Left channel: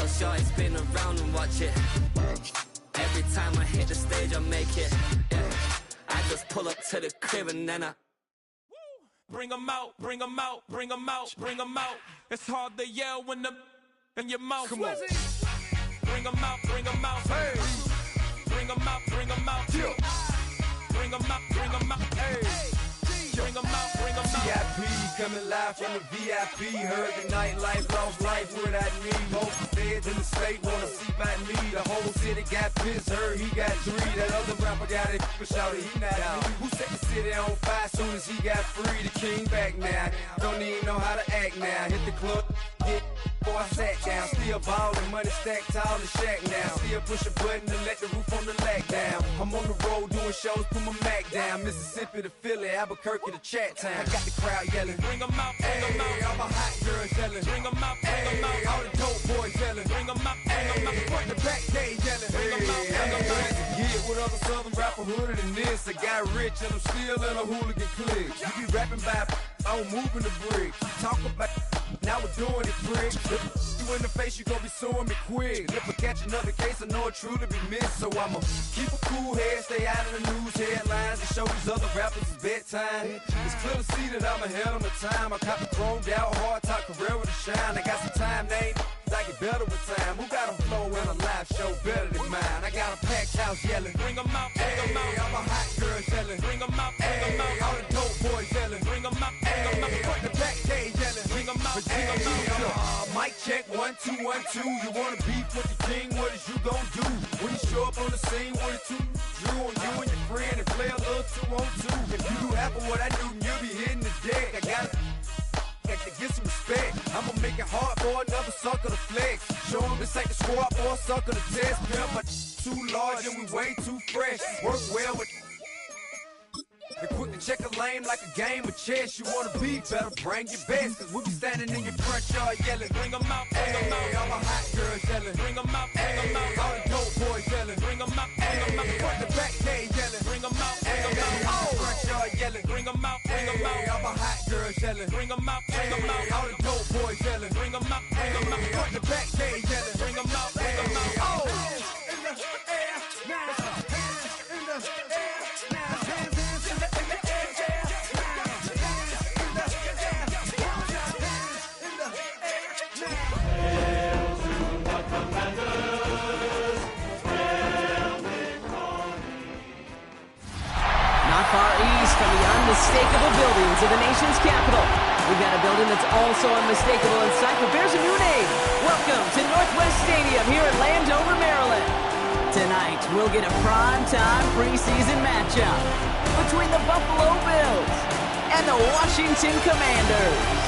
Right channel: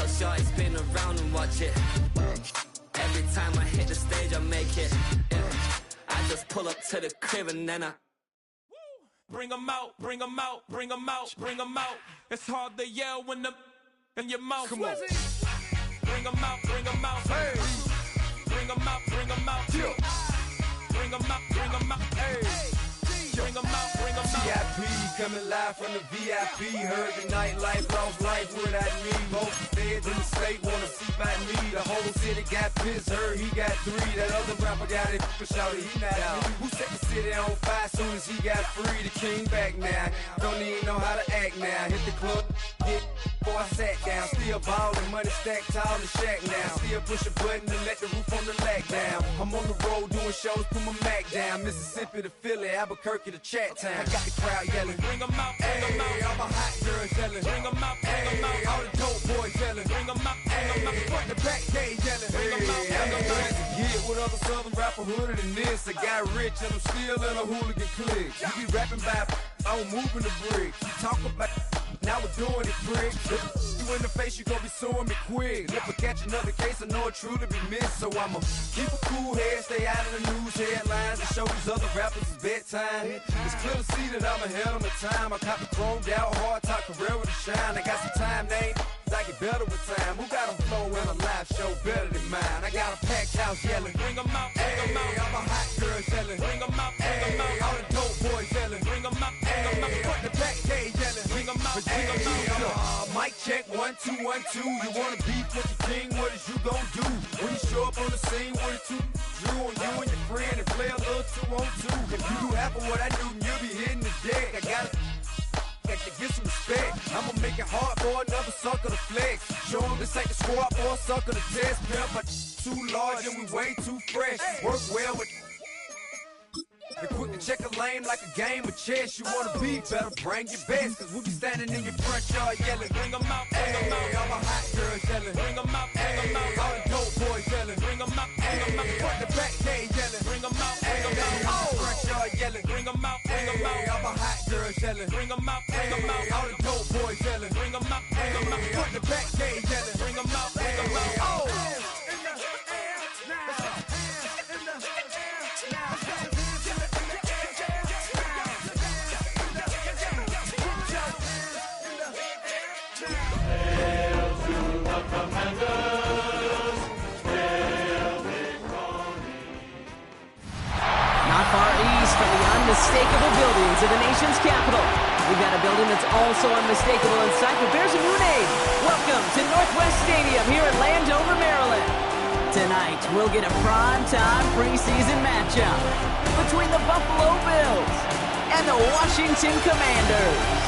So shorty spin around and watch it. Every time I hit the stage, I make it. Yeah. I just pull up to the crib and then I bring 'em out, bring 'em out, bring 'em out, bring 'em out. It's hard to yell when the in your mouth. Come on. Bring 'em out, bring 'em out. Hey. Bring 'em out, bring 'em out. Yeah. Bring 'em out, bring 'em out. Hey. Bring 'em out, bring 'em out. VIP coming live from the VIP. Heard the nightlife, lost life without me. Most feds in the state wanna see by me. The whole city got pissed, heard he got 3. That other rapper got it, but shouted he not out. Who set the city on fire soon as he got free? The king back now, don't even know how to act now. Hit the club, get before I sat down. Still ballin', money stacked tall in the shack now. Still push a button to let the roof on the lag down. I'm on the road doing shows, put my Mac down. Mississippi to Philly, Albuquerque to Chat Town. I got the crowd yelling, bring 'em out, bring 'em out. All my hot girls yelling, bring 'em out, bring 'em out. All the dope boys yelling, bring 'em out, bring 'em out. Front the back gate yelling, bring 'em out, bring 'em out. Get with other southern rapper hooded than this. I got rich and I'm still in a hooligan clique. You be rapping by I'm moving the bricks. You talk about now we're doing it, prick. You in the face, you gon' be suing me quick. If I catch another case, I know it truly be missed. So I'ma keep a cool head, stay out of the news headlines, and show these other rappers it's bedtime. It's clear to see that I'm ahead of my time. I caught the chromed out, hard top career with a shine. I got some time, they ain't I get better with time. Who got a flow in a live show better than mine? I got a packed house yelling, bring 'em out, bring 'em out. All my hot girls yelling, bring 'em out, bring 'em out. All the dope boys yelling, bring 'em out, bring 'em out. Front the back gate yelling, bring 'em out, bring 'em out. Mic check 1 2 1 2. You wanna beef with the king? What is you gon' do when you show up on the scene with a 2 Drew on you and your friend and play a little 2-on-2? If you do half of what I do, you'll be hitting the deck. I gotta to get some respect. I'ma make it hard for another sucker to flex. Show him this ain't the squad or a sucker to test. Pimp, but too large and we way too fresh. Work well with and quick to check a lane like a game of chess. You wanna be better, bring your best. Cause we be standing in your front yard yelling, bring 'em out, bring 'em out. All my hot girls yelling, bring 'em out, bring 'em out. All the dope boys yelling, bring 'em out, bring 'em out. Front the back gate yelling, bring 'em out, bring 'em out. Front yard yelling, bring 'em out, bring 'em out. All my hot girls yelling, bring 'em out, bring 'em out. All the dope boys yelling, bring 'em out, bring 'em out. Front the back gate yelling, bring 'em out, bring 'em out. Not far east from the unmistakable buildings of the nation's capital, we've got a building that's also unmistakable in sight, but bears a new name. Welcome to Northwest Stadium here in Landover, Maryland. Tonight, we'll get a prime-time preseason matchup between the Buffalo Bills and the Washington Commanders.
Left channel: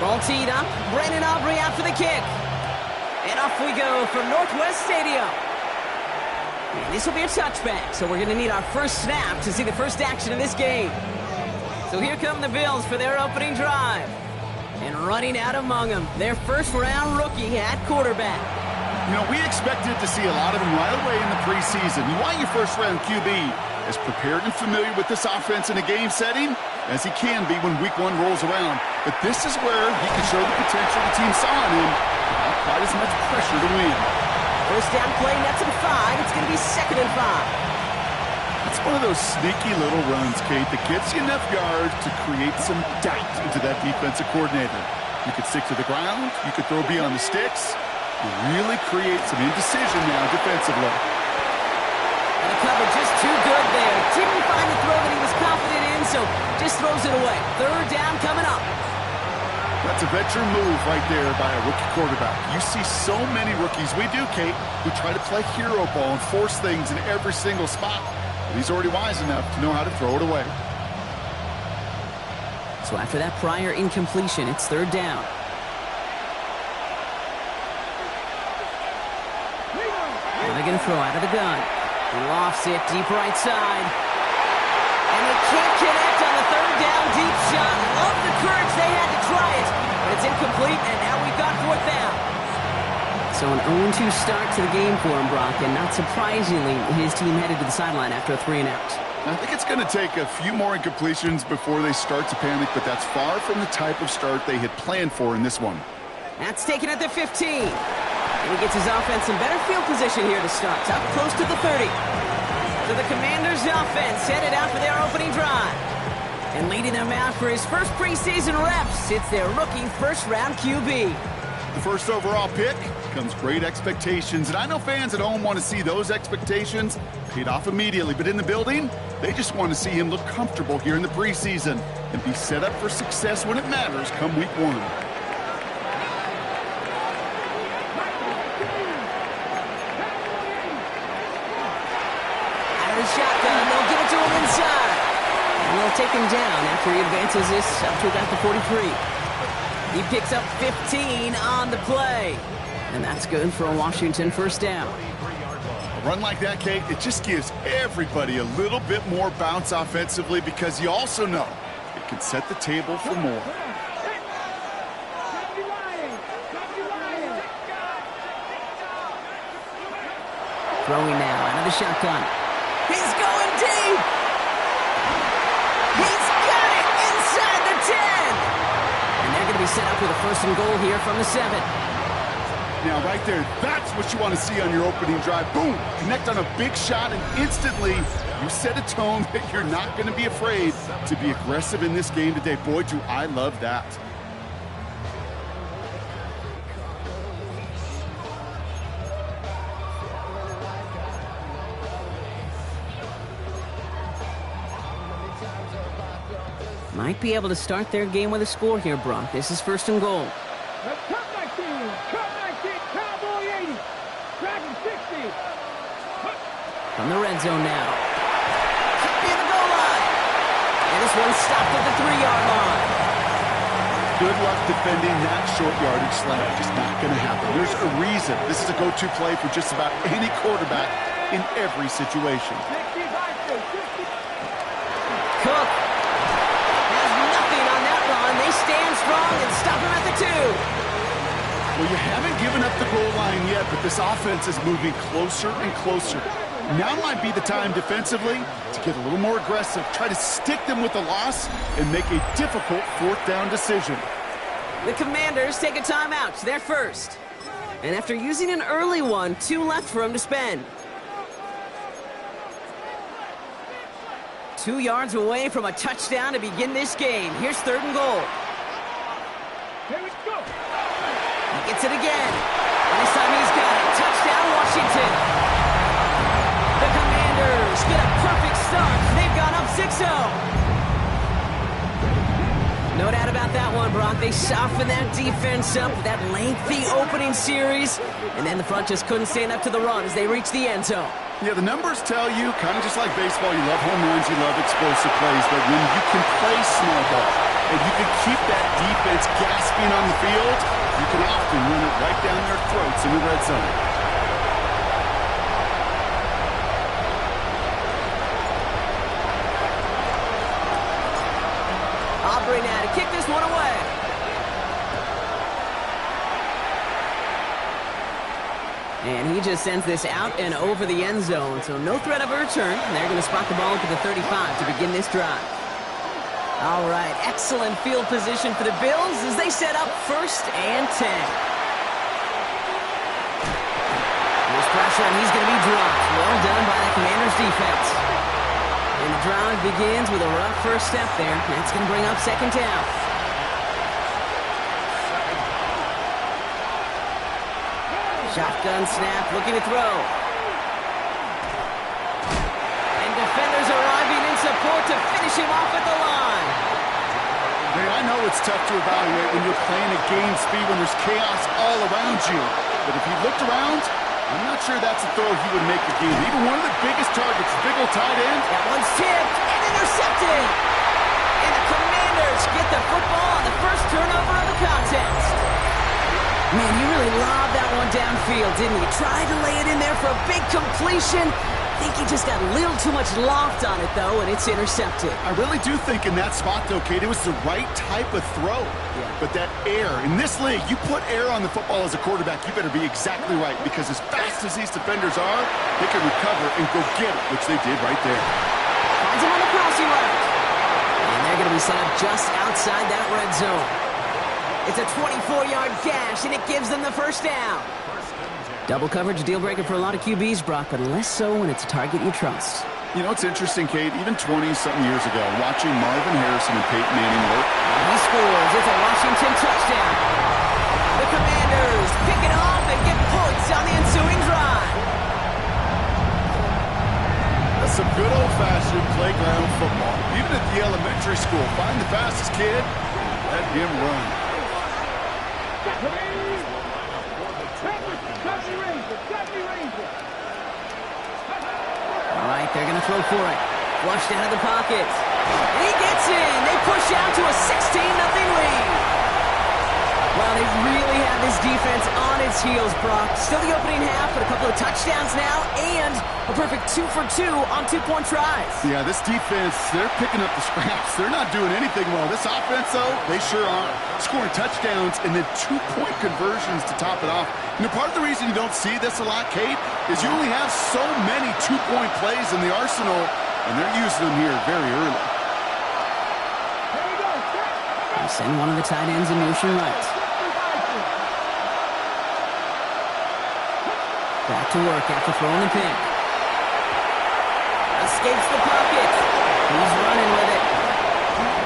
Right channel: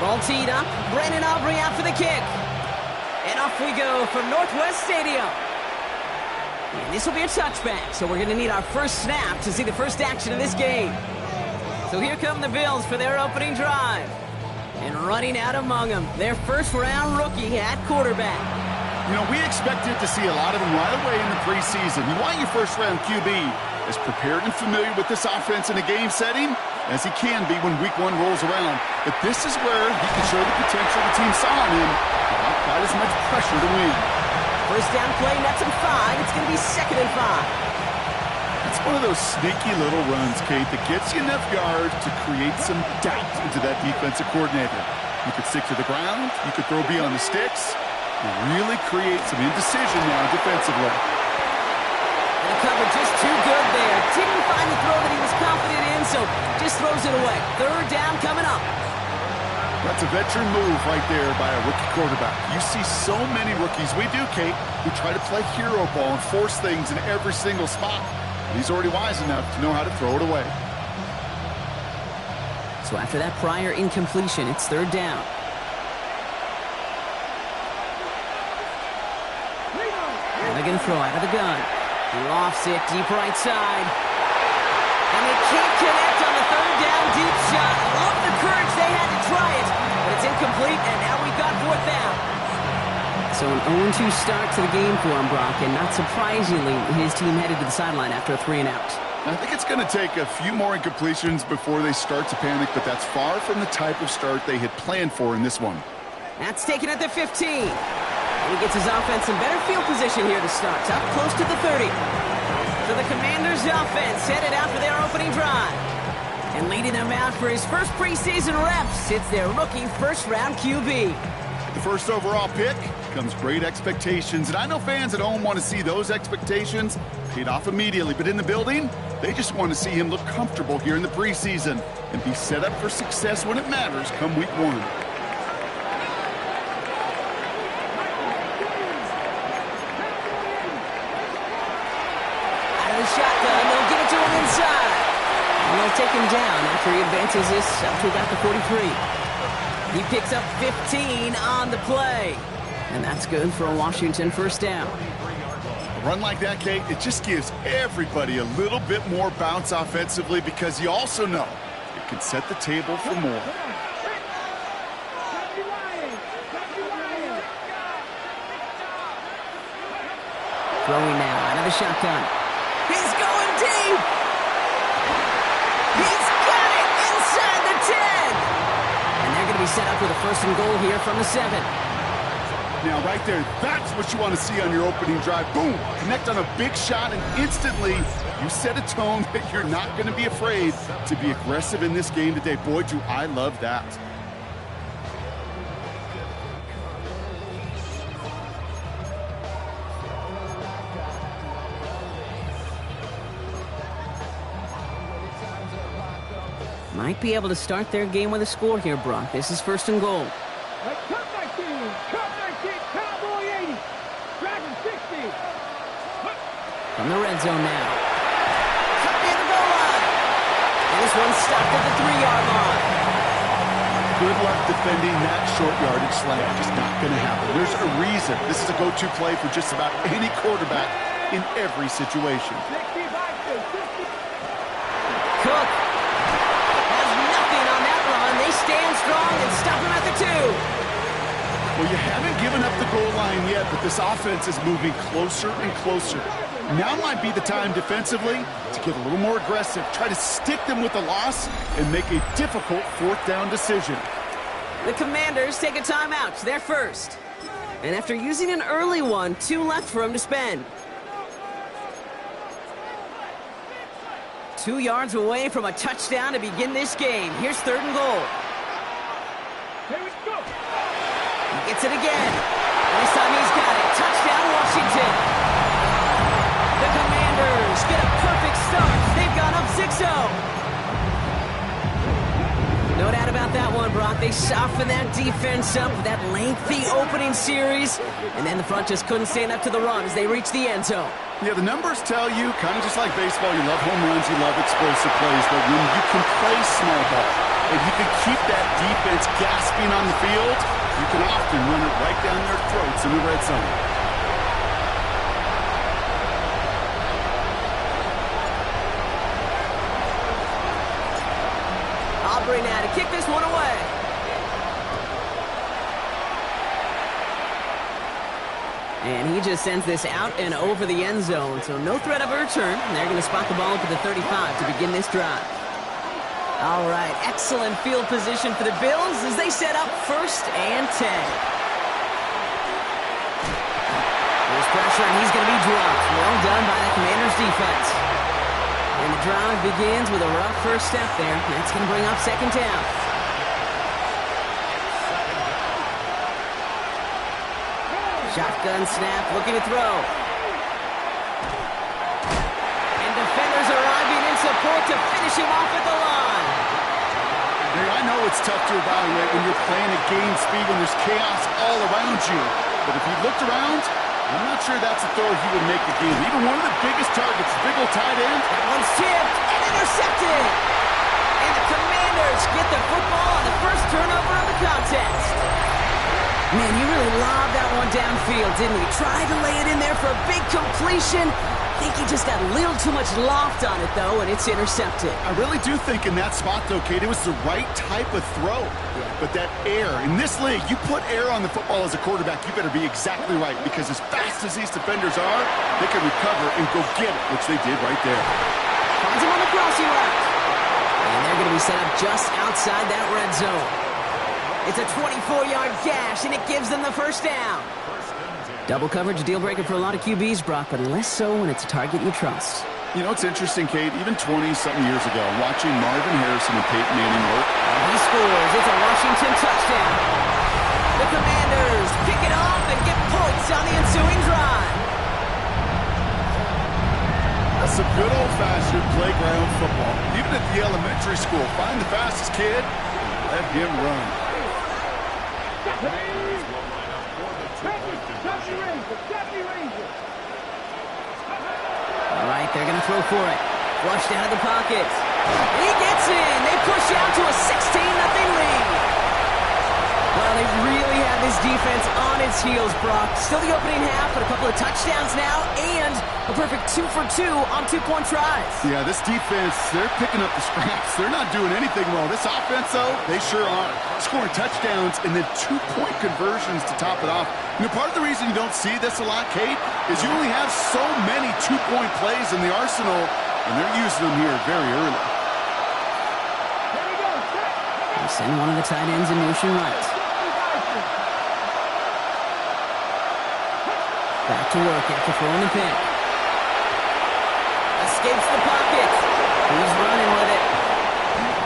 Ball teed up, Brandon Aubrey out for the kick. And off we go from Northwest Stadium. And this will be a touchback, so we're going to need our first snap to see the first action of this game. So here come the Bills for their opening drive. And running out among them, their first-round rookie at quarterback. You know, we expected to see a lot of them right away in the preseason. You want your first-round QB as prepared and familiar with this offense in a game setting as he can be when week 1 rolls around. But this is where he can show the potential the team saw in him without quite as much pressure to win. First down play, nets him 5. It's going to be 2nd and 5. That's one of those sneaky little runs, Kate, that gets you enough yards to create some doubt into that defensive coordinator. You could stick to the ground. You could throw beyond the sticks. You really create some indecision now defensively. And the cover just too good there. Didn't find the throw that he was confident in, so just throws it away. 3rd down coming up. That's a veteran move right there by a rookie quarterback. You see so many rookies, we do, Kate, who try to play hero ball and force things in every single spot. But he's already wise enough to know how to throw it away. So after that prior incompletion, it's 3rd down. Now they're going to throw out of the gun. He lofts it deep right side. And they can't connect on the 3rd down deep shot. Love the courage they had to try it, but It's incomplete, and now we've got fourth down. So an 0-2 start to the game for him, Brock, and not surprisingly, his team headed to the sideline after a 3-and-out. I think it's going to take a few more incompletions before they start to panic, but that's far from the type of start they had planned for in this one. That's taken at the 15. And he gets his offense in better field position here to start, up close to the 30. So the Commanders' offense headed out for their opening drive. And leading them out for his first preseason reps, it's their rookie first-round QB. The first overall pick comes great expectations, and I know fans at home want to see those expectations paid off immediately, but in the building, they just want to see him look comfortable here in the preseason and be set up for success when it matters come week 1. Out of the shotgun, they'll give it to him inside. And they'll take him down after he advances this up to about the 43. He picks up 15 on the play. And that's good for a Washington first down. A run like that, Kate, it just gives everybody a little bit more bounce offensively because you also know it can set the table for more. Throwing now out of the shotgun. He's going deep. He's got it inside the 10. And they're going to be set up with a first and goal here from the 7. Now, right there, that's what you want to see on your opening drive. Boom! Connect on a big shot, and instantly you set a tone that you're not going to be afraid to be aggressive in this game today. Boy, do I love that. Might be able to start their game with a score here, Brock. This is first and goal. Cup 19, Cowboy 80, Dragon 60. From the red zone now. Near the goal line. And this one's stopped at the 3-yard line. Good luck defending that short yardage slant. Just not going to happen. There's a reason. This is a go-to play for just about any quarterback in every situation. Cook has nothing on that run. They stand strong and stop him at the 2. Well, you haven't given up the goal line yet, but this offense is moving closer and closer. Now might be the time defensively to get a little more aggressive, try to stick them with the loss, and make a difficult fourth down decision. The Commanders take a timeout. They're first. And after using an early one, 2 left for him to spend. 2 yards away from a touchdown to begin this game. Here's third and goal. Here we go. He gets it again. And this time he's got it. Touchdown, Washington. The Commanders get a perfect start. They've gone up 6-0. No doubt about that one, Brock. They softened that defense up with that lengthy opening series. And then the front just couldn't stand up to the run as they reached the end zone. Yeah, the numbers tell you, kind of just like baseball, you love home runs, you love explosive plays, but when you can play small ball and you can keep that defense gasping on the field, you can often run it right down their throats in the red zone. Aubrey now to kick this one away. And he just sends this out and over the end zone, so no threat of a return. And they're going to spot the ball up at the 35 to begin this drive. All right, excellent field position for the Bills as they set up first and 10. There's pressure, and he's going to be dropped. Well done by the Commanders' defense. And the drive begins with a rough first step there. That's going to bring up second down. Shotgun snap, looking to throw. And defenders arriving in support to finish him off at the line. Hey, I know it's tough to evaluate when you're playing at game speed, when there's chaos all around you. But if he looked around, I'm not sure that's a throw he would make again. Even one of the biggest targets, big old tight end. That one's tipped and intercepted. And the Commanders get the football on the first turnover of the contest. Man, he really lobbed that one downfield, didn't he? Tried to lay it in there for a big completion. think he just got a little too much loft on it, though, and it's intercepted. I really do think in that spot, though, Kate, it was the right type of throw. Yeah. But that air, in this league, you put air on the football as a quarterback, you better be exactly right, because as fast as these defenders are, they can recover and go get it, which they did right there. Finds him on the crossing route. And they're going to be set up just outside that red zone. It's a 24-yard gash, and it gives them the first down. Double coverage, deal breaker for a lot of QBs, Brock, but less so when it's a target you trust. You know, it's interesting, Kate, even 20-something years ago, watching Marvin Harrison and Peyton Manning work. And he scores. It's a Washington touchdown. The Commanders pick it off and get points on the ensuing drive. That's some good old-fashioned playground football. Even at the elementary school, find the fastest kid and let him run. All right, they're going to throw for it. Flushed out of the pocket. And he gets in. They push out to a 16-0 lead. Well, they really have this defense on its heels, Brock. Still the opening half, but a couple of touchdowns now, and a perfect 2 for 2 on two-point tries. Yeah, this defense, they're picking up the scraps. They're not doing anything well. This offense, though, they sure are. Scoring touchdowns and then two-point conversions to top it off. You know, part of the reason you don't see this a lot, Kate, is you only have so many two-point plays in the arsenal, and they're using them here very early. They send one of the tight ends in motion right. Back to work after throwing the pick. Escapes the pocket. He's running with it.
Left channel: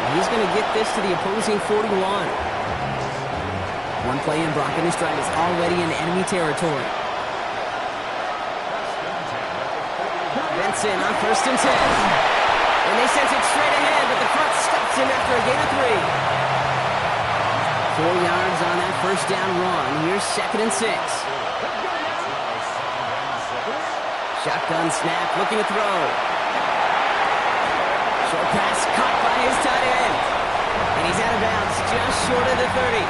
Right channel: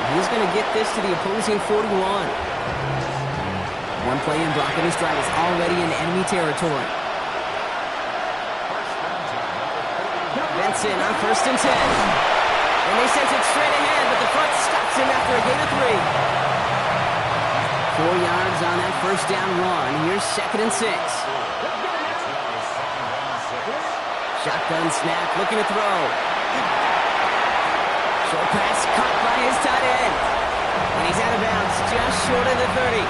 And he's going to get this to the opposing 41. One play in, Brock, and his drive is already in enemy territory. Benson on 1st and 10. And they sent it straight ahead, but the front stops him after a gain of 3. 4 yards on that first down run. Here's 2nd and 6. Shotgun snap, looking to throw. Short pass caught by his tight end. And he's out of bounds, just short of the 30.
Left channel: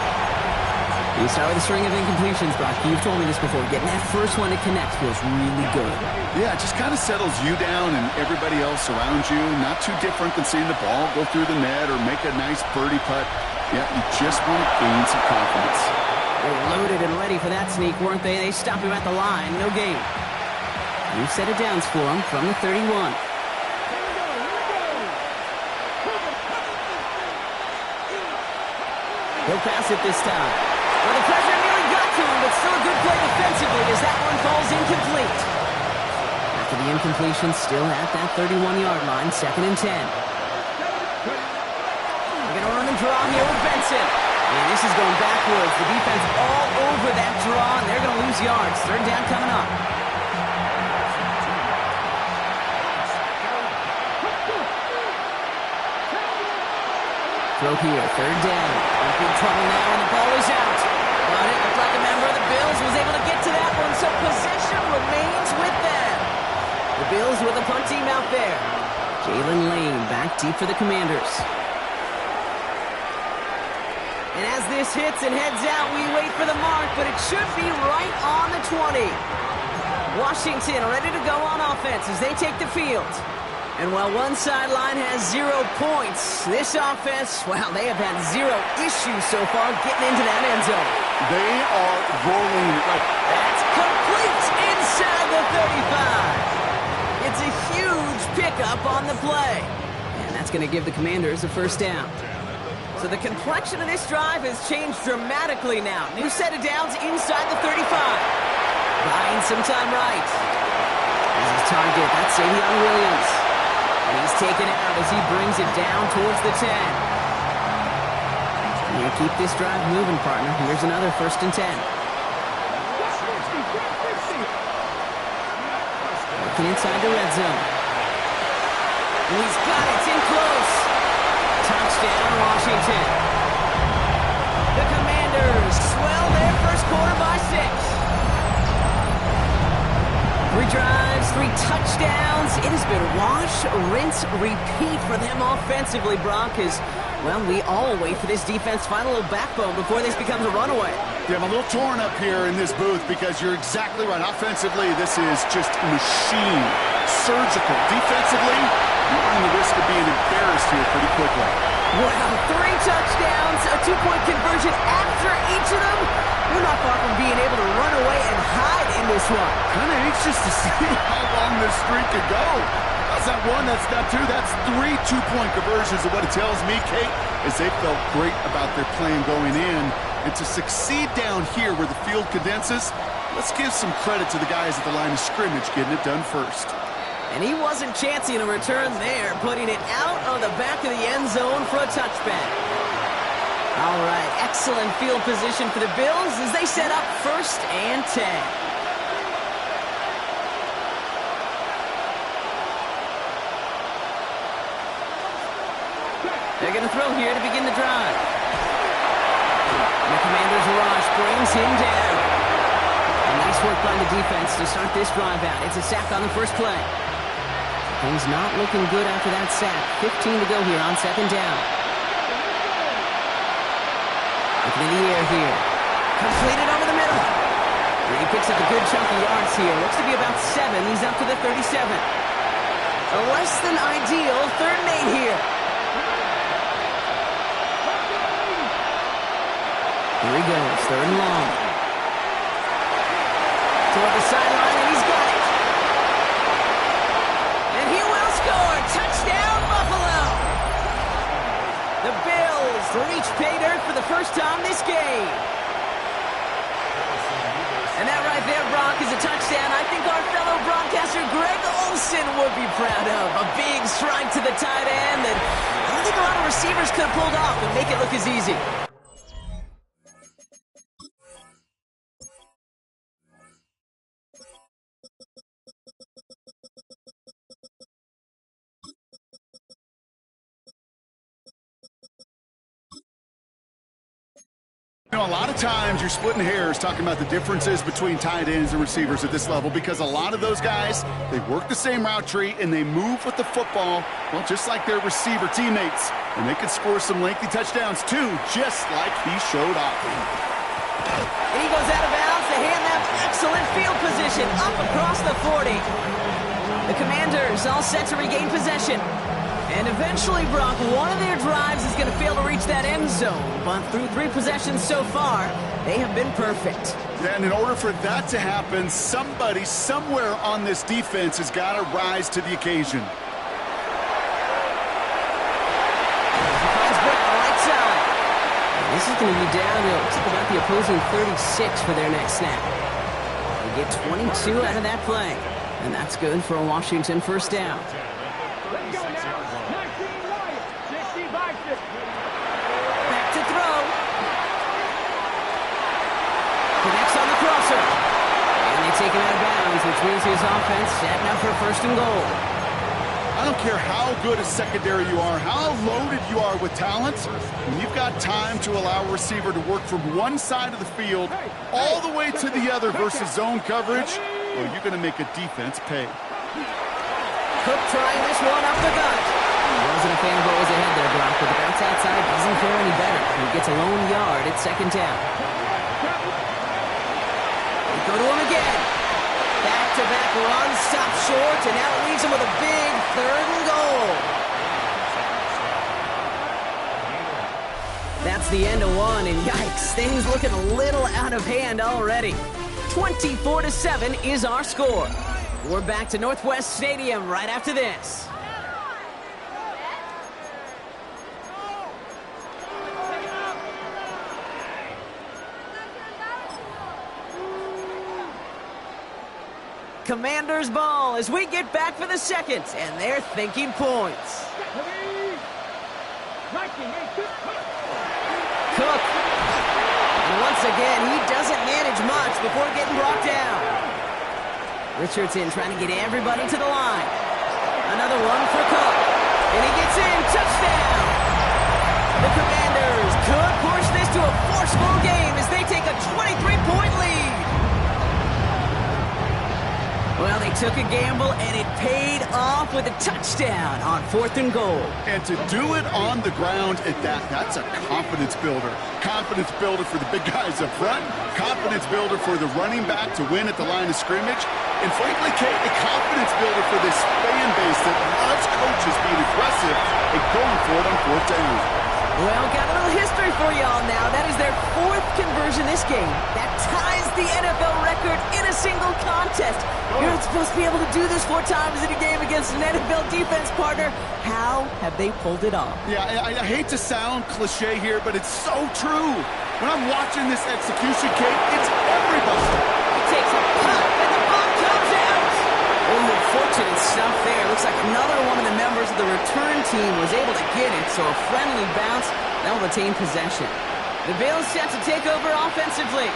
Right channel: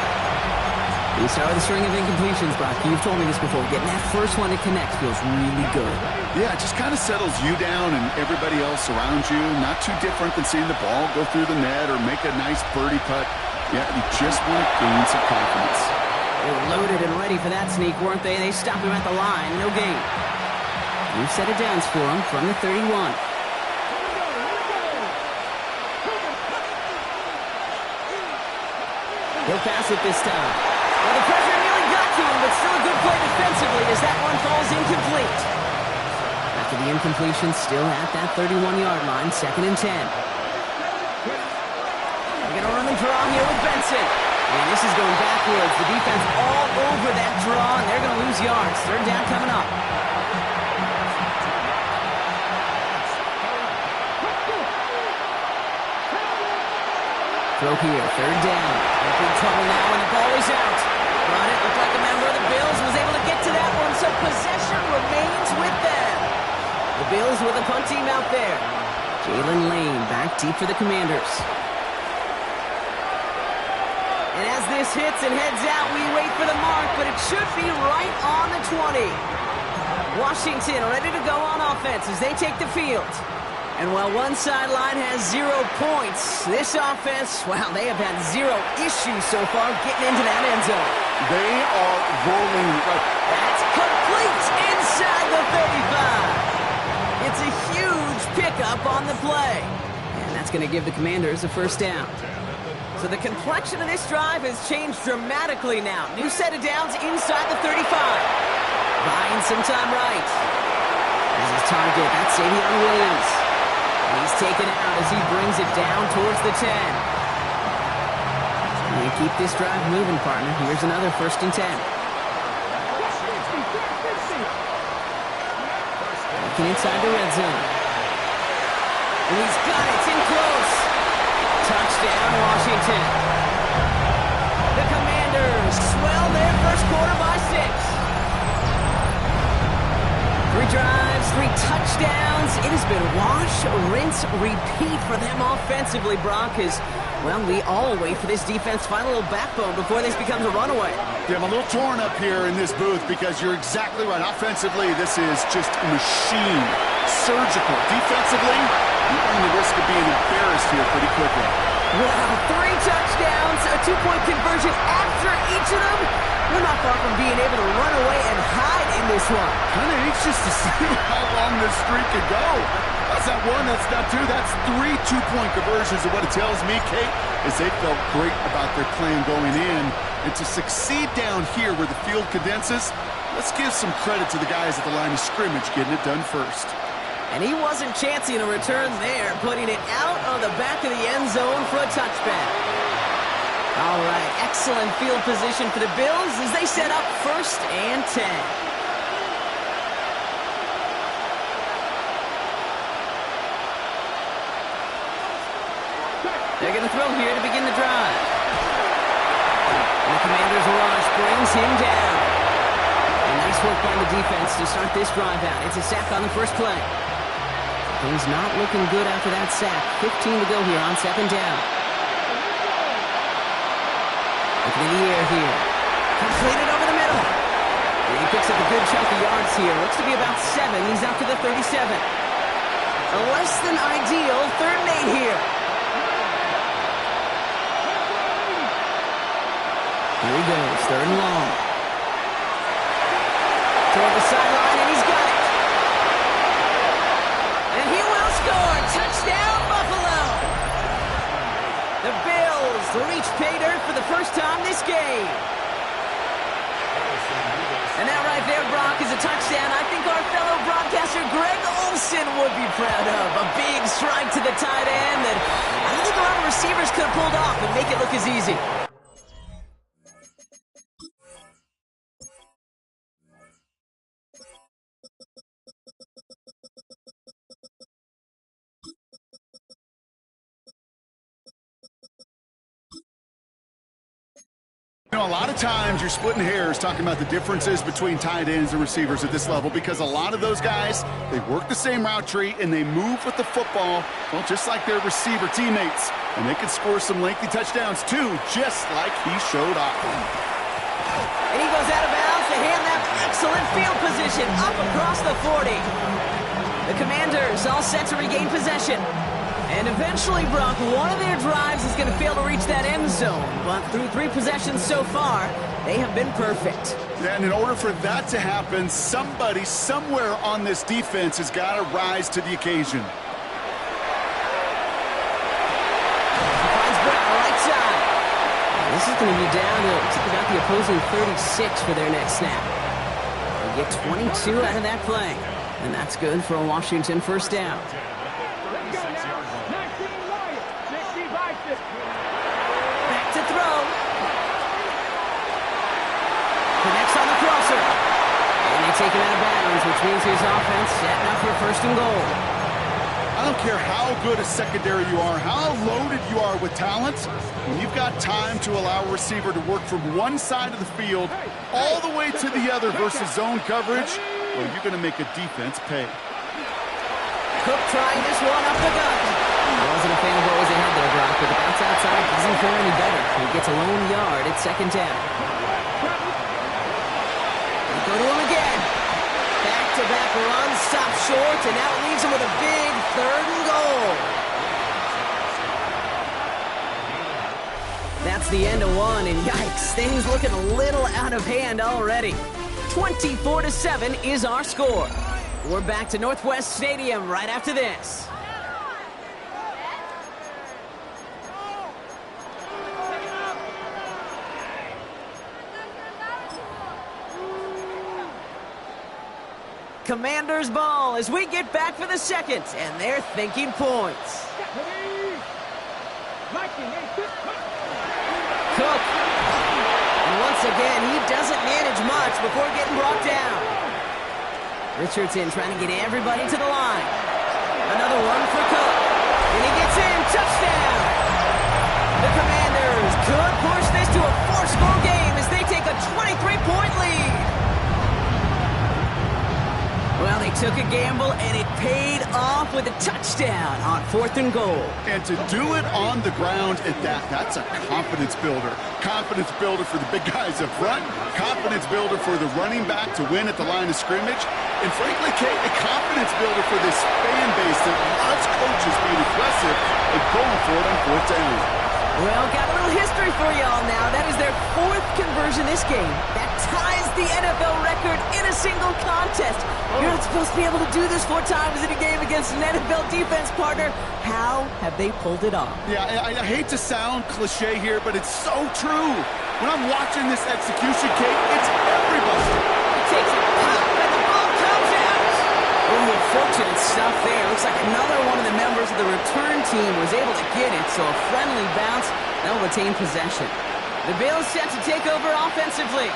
You start with a string of incompletions, Brock. You've told me this before. Getting that first one to connect feels really good. Yeah, it just kind of settles you down and everybody else around you. Not too different than seeing the ball go through the net or make a nice birdie putt. Yeah, you just want to gain some confidence. They were loaded and ready for that sneak, weren't they? They stopped him at the line. No gain. New set of downs for him from the 31. He'll pass it this time. Well, the pressure nearly got to him, but still a good play defensively as that one falls incomplete. After the incompletion, still at that 31-yard line, 2nd and 10. They're going to run the draw here with Benson. And this is going backwards. The defense all over that draw, and they're going to lose yards. 3rd down coming up. Throw here, 3rd down. In big trouble now, and the ball is out. But it looked like a member of the Bills was able to get to that one, so possession remains with them. The Bills with a punt team out there. Jalen Lane back deep for the Commanders. And as this hits and heads out, we wait for the mark, but it should be right on the 20. Washington ready to go on offense as they take the field. And while one sideline has 0 points, this offense, well, they have had 0 issues so far getting into that end zone. They are rolling. That's complete inside the 35. It's a huge pickup on the play. And that's going to give the Commanders a first down. So the complexion of this drive has changed dramatically now. New set of downs inside the 35. Buying some time right. As his target, that's Savion Williams. And he's taken out as he brings it down towards the 10. You keep this drive moving, partner. Here's another 1st and 10. Looking inside the red zone. And he's got it. It's in close. Touchdown, Washington. The Commanders swell their first quarter by 6. 3 drives, 3 touchdowns. It has been wash, rinse, repeat for them offensively, Brock, as Well, we all wait for this defense to find a little backbone before this becomes a runaway. Yeah, I'm a little torn up here in this booth because you're exactly right. Offensively, this is just a machine. Surgical. Defensively, you're running the risk of being embarrassed here pretty quickly. Wow, 3 touchdowns, a 2-point conversion after each of them. We're not far from being able to run away and hide in this one. Kind of anxious to see how long this streak could go. That's not one, that's not two, that's 3 2-point conversions. And what it tells me, Kate, is they felt great about their plan going in. And to succeed down here where the field condenses, let's give some credit to the guys at the line of scrimmage getting it done first. And he wasn't chancing a return there, putting it out of the back of the end zone for a touchback. All right, excellent field position for the Bills as they set up 1st and 10. They're going to throw here to begin the drive. And the Commanders' rush brings him down. And nice work by the defense to start this drive out. It's a sack on the first play. Things not looking good after that sack. 15 to go here on 2nd down. Looking in the air here. Completed over the middle. And he picks up a good chunk of yards here. Looks to be about 7. He's up to the 37. A less than ideal 3rd and 8 here. Here he goes, 3rd and long. Toward the sideline, and he's got it. And he will score. Touchdown, Buffalo. The Bills reach pay dirt for the first time this game. And that right there, Brock, is a touchdown I think our fellow broadcaster Greg Olsen would be proud of. A big strike to the tight end that I don't think a lot of receivers could have pulled off and make it look as easy. You know, a lot of times you're splitting hairs talking about the differences between tight ends and receivers at this level because a lot of those guys, they work the same route tree and they move with the football, well, just like their receiver teammates. And they can score some lengthy touchdowns too, just like he showed off. And he goes out of bounds to hand that excellent field position up across the 40. The Commanders all set to regain possession. And eventually, Brock, one of their drives is going to fail to reach that end zone. But through 3 possessions so far, they have been perfect. Yeah, and in order for that to happen, somebody somewhere on this defense has got to rise to the occasion. He finds Brown right side. And this is going to be down to about the opposing 36 for their next snap. They get 22 out of that play. And that's good for a Washington first down. Let's go now. 19 Lions. 65 6. Back to throw. Connects on the crosser. And they take him out of bounds, which means his offense setting up for 1st and goal. I don't care how good a secondary you are, how loaded you are with talent, when you've got time to allow a receiver to work from one side of the field all the way to the other versus zone coverage, well, you're going to make a defense pay. Cook trying this one up the gut. Wasn't a fan of what was ahead there, Brock, but the bounce outside doesn't fare any better. He gets a lone yard at 2nd down. They go to him again. Back-to-back runs, stop short, and now it leaves him with a big 3rd and goal. That's the end of one, and yikes, things looking a little out of hand already. 24-7 is our score. We're back to Northwest Stadium right after this. Commanders ball as we get back for the 2nd, and they're thinking points. Cook. And once again, he doesn't manage much before getting brought down. Richardson trying to get everybody to the line. Another one for Cook. And he gets in. Touchdown! The Commanders could push this to a 4-score game as they take a 23-point lead. Well, they took a gamble, and it paid off with a touchdown on 4th and goal. And to do it on the ground at that, that's a confidence builder. Confidence builder for the big guys up front. Confidence builder for the running back to win at the line of scrimmage. And frankly, Kate, a confidence builder for this fan base that loves coaches being aggressive and going for it on 4th down. Well, got a little history for y'all now. That is their 4th conversion this game. That ties the NFL record in a single contest. You're not supposed to be able to do this 4 times in a game against an NFL defense partner. How have they pulled it off? Yeah, I hate to sound cliche here, but it's so true. When I'm watching this execution, Kate, it's everybody. He takes a pop, and the ball comes out. Oh, fortunate stuff there. Looks like another one of the members of the return team was able to get it, so a friendly bounce. They'll retain possession. The Bills set to take over offensively.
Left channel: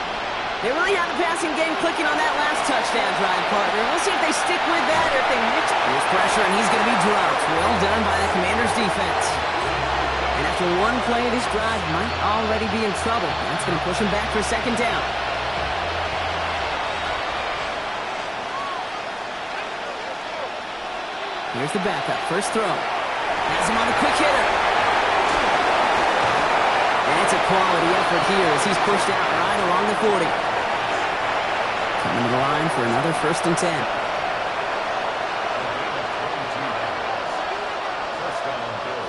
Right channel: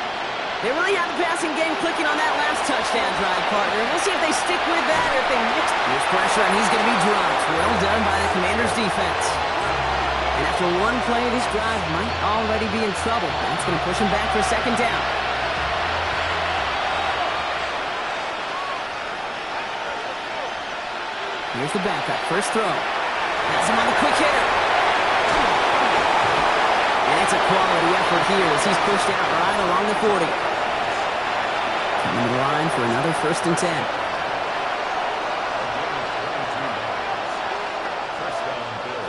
They really have the passing game clicking on that last touchdown drive, partner. We'll see if they stick with that or if they mix. Here's pressure, and he's going to be dropped. Well done by the Commanders' defense. And after one play, this drive might already be in trouble. That's going to push him back for 2nd down. Here's the backup. First throw. Has him on the quick hitter. And it's a quality effort here as he's pushed out right along the 40. Coming to the line for another 1st and 10.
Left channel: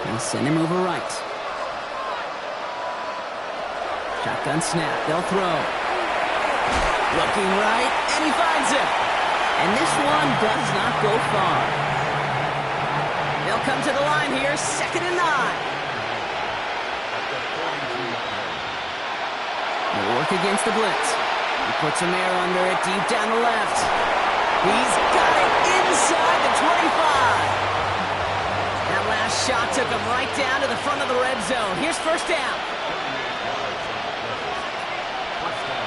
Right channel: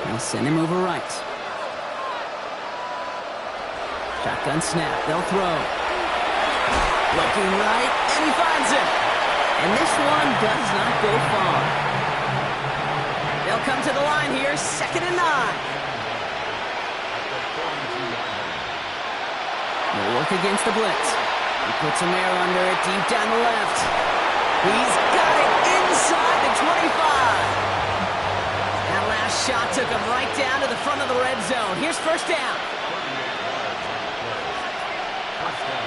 They'll send him over right. Shotgun snap. They'll throw. Looking right, and he finds him. And this one does not go far. They'll come to the line here, 2nd and 9. They'll work against the blitz. He puts some air under it, deep down the left. He's got it inside the 25. That last shot took him right down to the front of the red zone. Here's 1st down.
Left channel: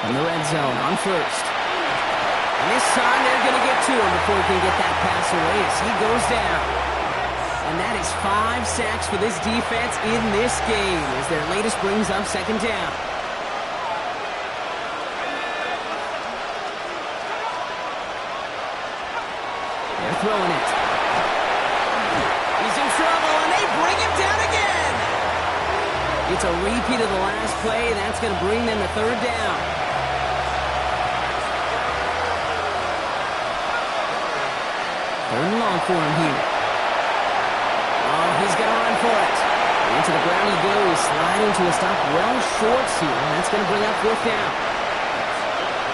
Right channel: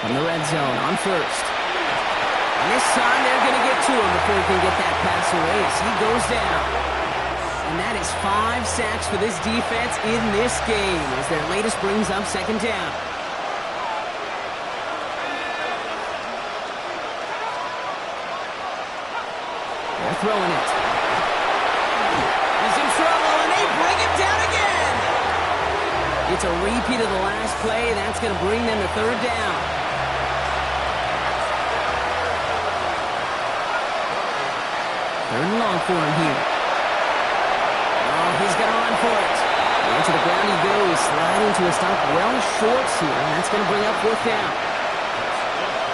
From the red zone on 1st. And this time they're going to get to him before he can get that pass away as he goes down. And that is 5 sacks for this defense in this game as their latest brings up 2nd down. They're throwing it. He's in trouble, and they bring him down again. It's a repeat of the last play. That's going to bring them to 3rd down. 3rd and long for him here. Oh, he's going to run for it. And to the ground he goes, sliding to a stop well short here. And that's going to bring up 4th down.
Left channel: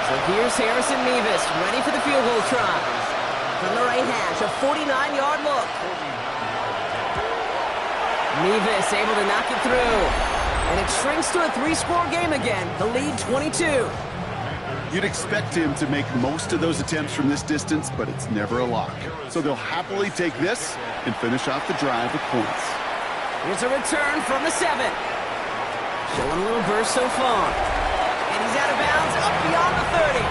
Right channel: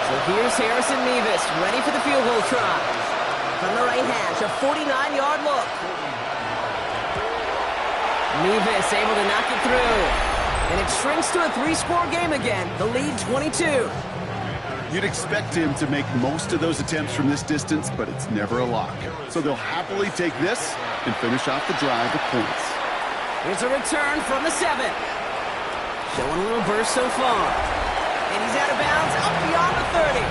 So here's Harrison Mevis, ready for the field goal try. From the right hash, a 49-yard look. Mevis able to knock it through. And it shrinks to a 3-score game again. The lead 22. You'd expect him to make most of those attempts from this distance, but it's never a lock. So they'll happily take this and finish off the drive with points. Here's a return from the 7. Showing a little burst so far. And he's out of bounds up beyond the 30.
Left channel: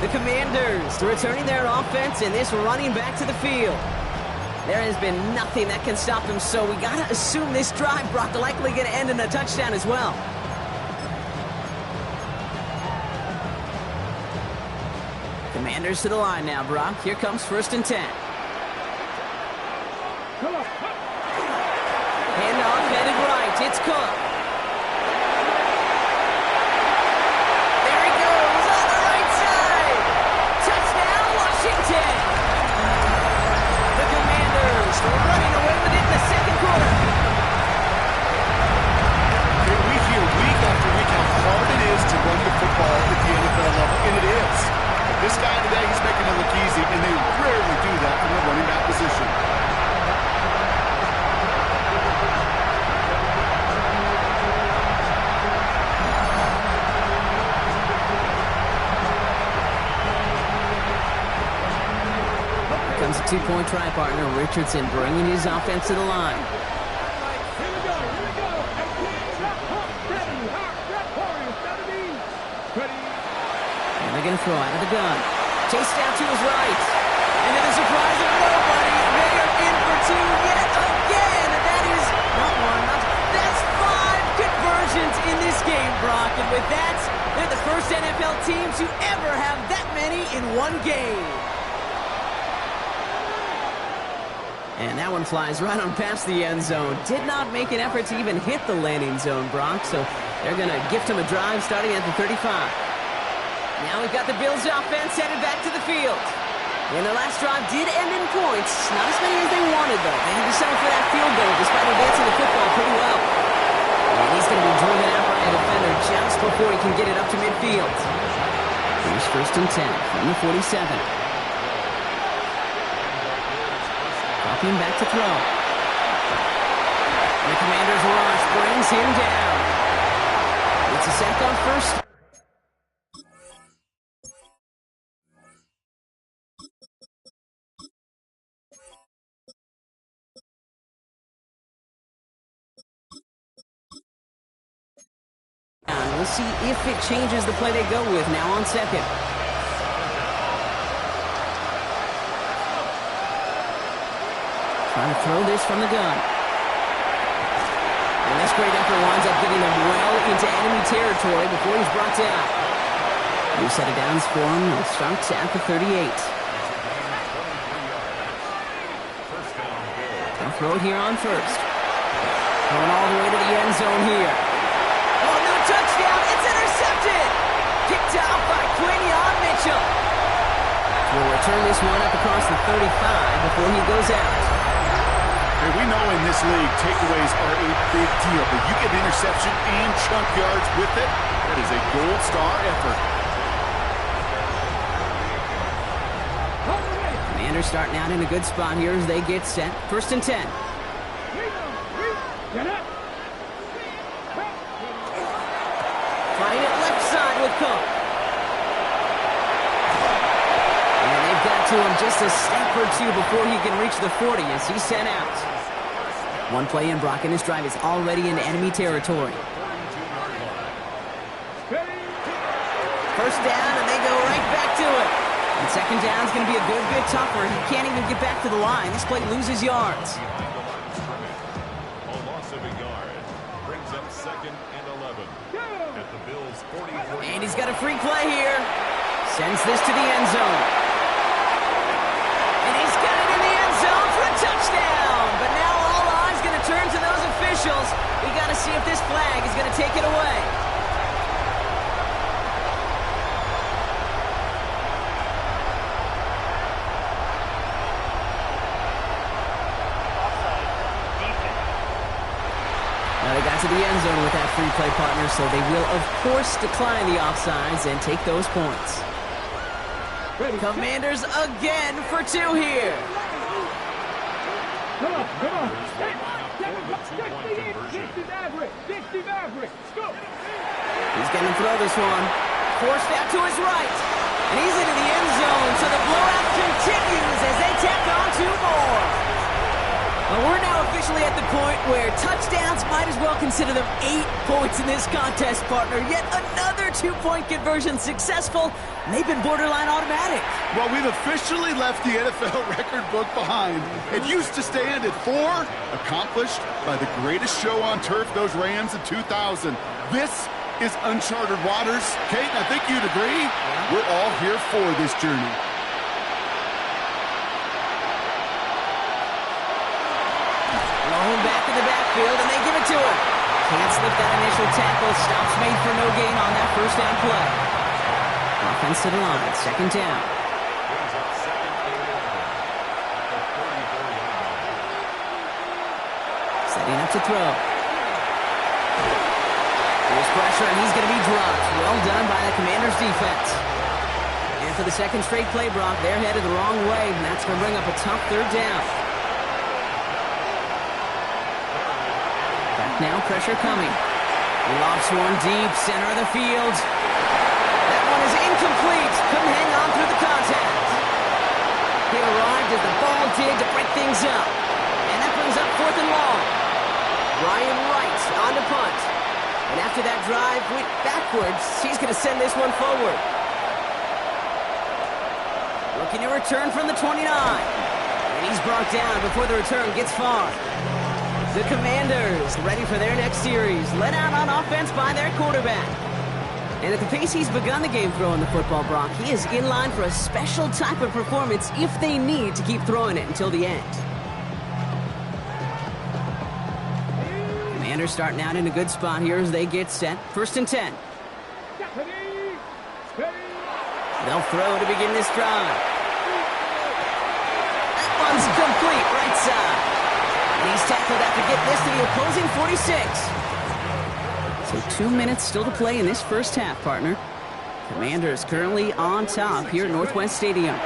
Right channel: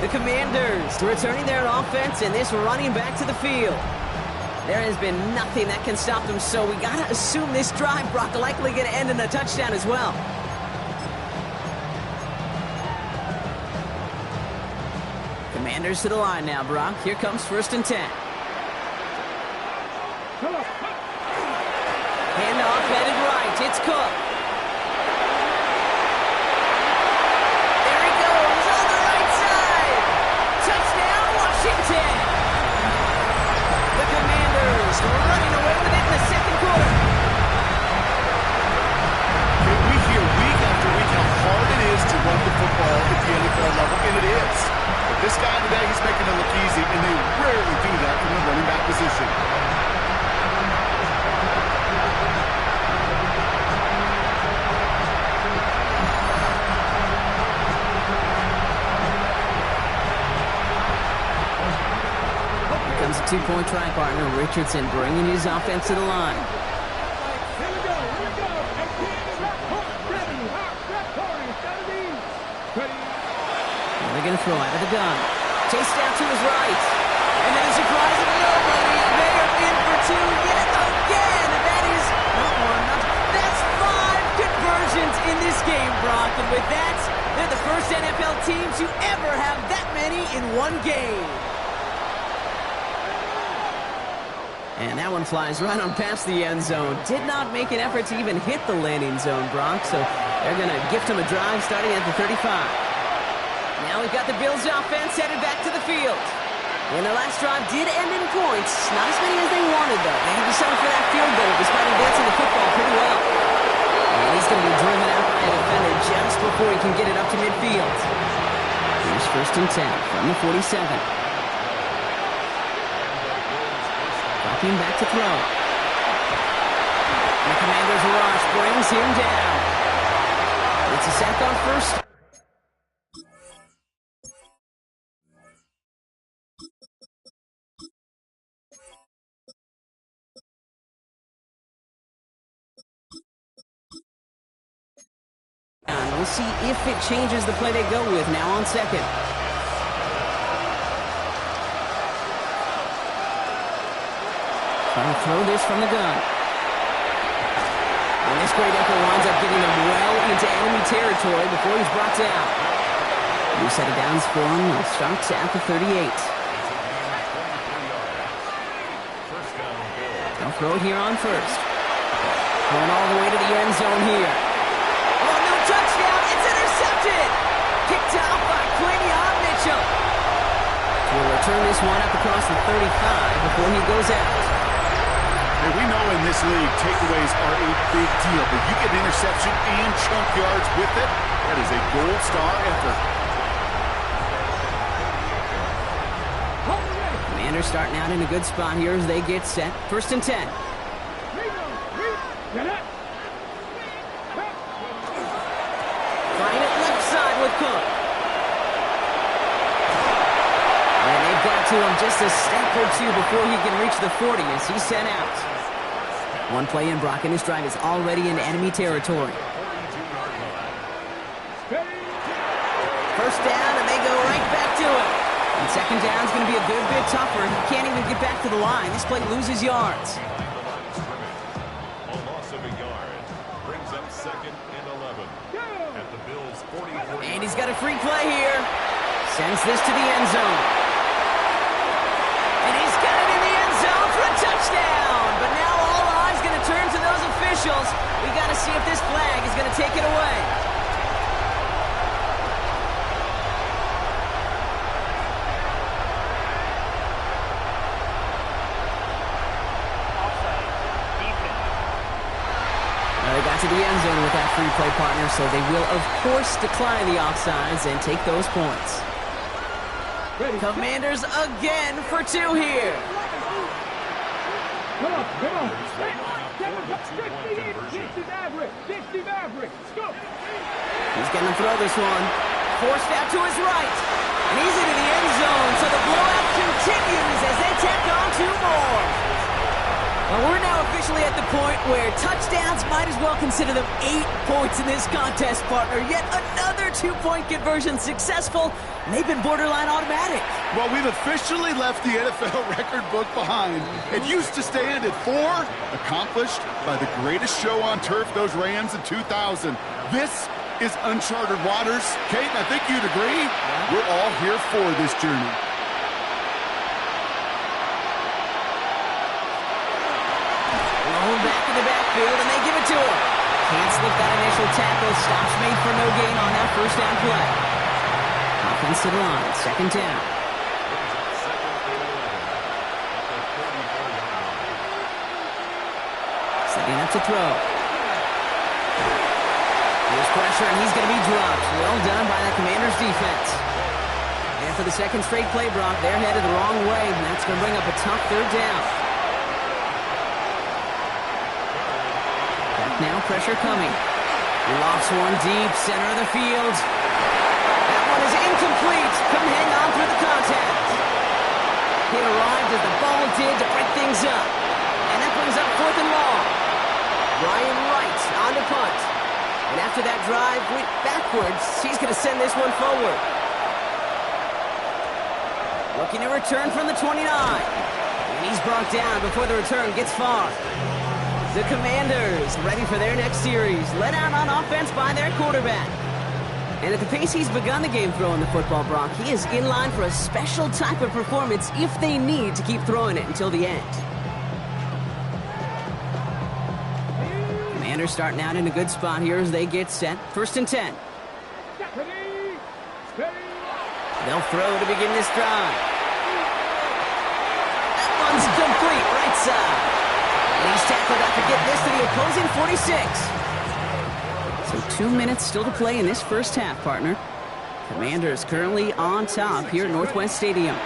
The Commanders returning their offense and this running back to the field. There has been nothing that can stop them, so we got to assume this drive, Brock, likely going to end in a touchdown as well. Commanders to the line now, Brock. Here comes 1st and 10. Handoff headed right. It's Cook. There he goes on the right side. Touchdown, Washington. The Commanders running away with it in the 2nd quarter. We hear week after week how hard it is to run the football at the NFL level, and it is. But this guy today, he's making it look easy, and they rarely do that from the running back position. Here comes a 2-point try partner, Richardson, bringing his offense to the line. Here we go. 18, 7, ready. And they're going to throw out of the gun. Chased out to his right. And to the surprise of nobody, they are in for 2 yet again. And that is not one, that's 5 conversions in this game, Brock. And with that, they're the first NFL team to ever have that many in one game. And that one flies right on past the end zone. Did not make an effort to even hit the landing zone, Brock, so they're going to gift him a drive starting at the 35. Now we've got the Bills offense headed back to the field. And their last drive did end in points. Not as many as they wanted, though. They had to settle for that field goal despite advancing the football pretty well. And he's going to be driven out by a defender just before he can get it up to midfield. Here's 1st and 10 from the 47. Dropping back to throw. And the Commanders' rush brings him down. It's a sack on 1st. We'll see if it changes the play they go with now on 2nd. Trying to throw this from the gun. And this great effort winds up getting them well into enemy territory before he's brought down. New set of downs for him. He'll start at the 38. They'll throw it here on 1st. Going all the way to the end zone here. Oh, no touchdown. It's intercepted. Picked off by Quinion Mitchell. We'll return this one up across the 35 before he goes out. Hey, we know in this league, takeaways are a big deal, but you get interception and chunk yards with it. That is a gold star effort. Commanders starting out in a good spot here as they get set. 1st and 10. Trying it left side with Cook. And they've got to him just a step or two before he can reach the 40 as he's sent out. One play in, Brock, and this drive is already in enemy territory. 1st down, and they go right back to it. And 2nd down is going to be a good bit tougher. He can't even get back to the line. This play loses yards. A loss of a yard brings up 2nd and 11 at the Bills' 44. And he's got a free play here. Sends this to the end zone. And he's got it in the end zone for a touchdown. But now all eyes going to turn to those officials. We got to see if this flag is going to take it away. Now they got to the end zone with that free play partner, so they will, of course, decline the offsides and take those points. Commanders again for 2 here. Come on. 60 Maverick. Go. He's going to throw this one. Forced out to his right. And he's into the end zone, so the blowout continues as they tack on 2 more. Well, we're now officially at the point where touchdowns might as well consider them 8 points in this contest, partner. Yet another 2-point conversion successful, and they've been borderline automatic. Well, we've officially left the NFL record book behind. It used to stand at 4, accomplished by the greatest show on turf, those Rams in 2000. This is uncharted waters. Kate, I think you'd agree. Yeah. We're all here for this journey. Blown back in the backfield, and they give it to him. Can't slip that initial tackle. Stops made for no gain on that 1st down play. Offense to the line. 2nd down. Brings up 2nd and 11 at the 34-yard line. Setting up to throw. Here's pressure, and he's going to be dropped. Well done by the Commanders' defense. And for the 2nd straight play, Brock, they're headed the wrong way, and that's going to bring up a tough 3rd down. Back now, pressure coming. He lofts one deep, center of the field. That one is incomplete. Couldn't hang on through the contact. He arrived as the ball did to break things up. And that brings up 4th and long. Ryan Wright on to punt. And after that drive went backwards, he's going to send this one forward. Looking to return from the 29. And he's brought down before the return gets far. The Commanders ready for their next series. Led out on offense by their quarterback. And at the pace he's begun the game throwing the football, Brock, he is in line for a special type of performance if they need to keep throwing it until the end. Commanders starting out in a good spot here as they get set. 1st and 10. They'll throw to begin this drive. That one's complete, right side. And he's tackled after getting this to the opposing 46. So 2 minutes still to play in this first half, partner. Commanders currently on top here at Northwest Stadium.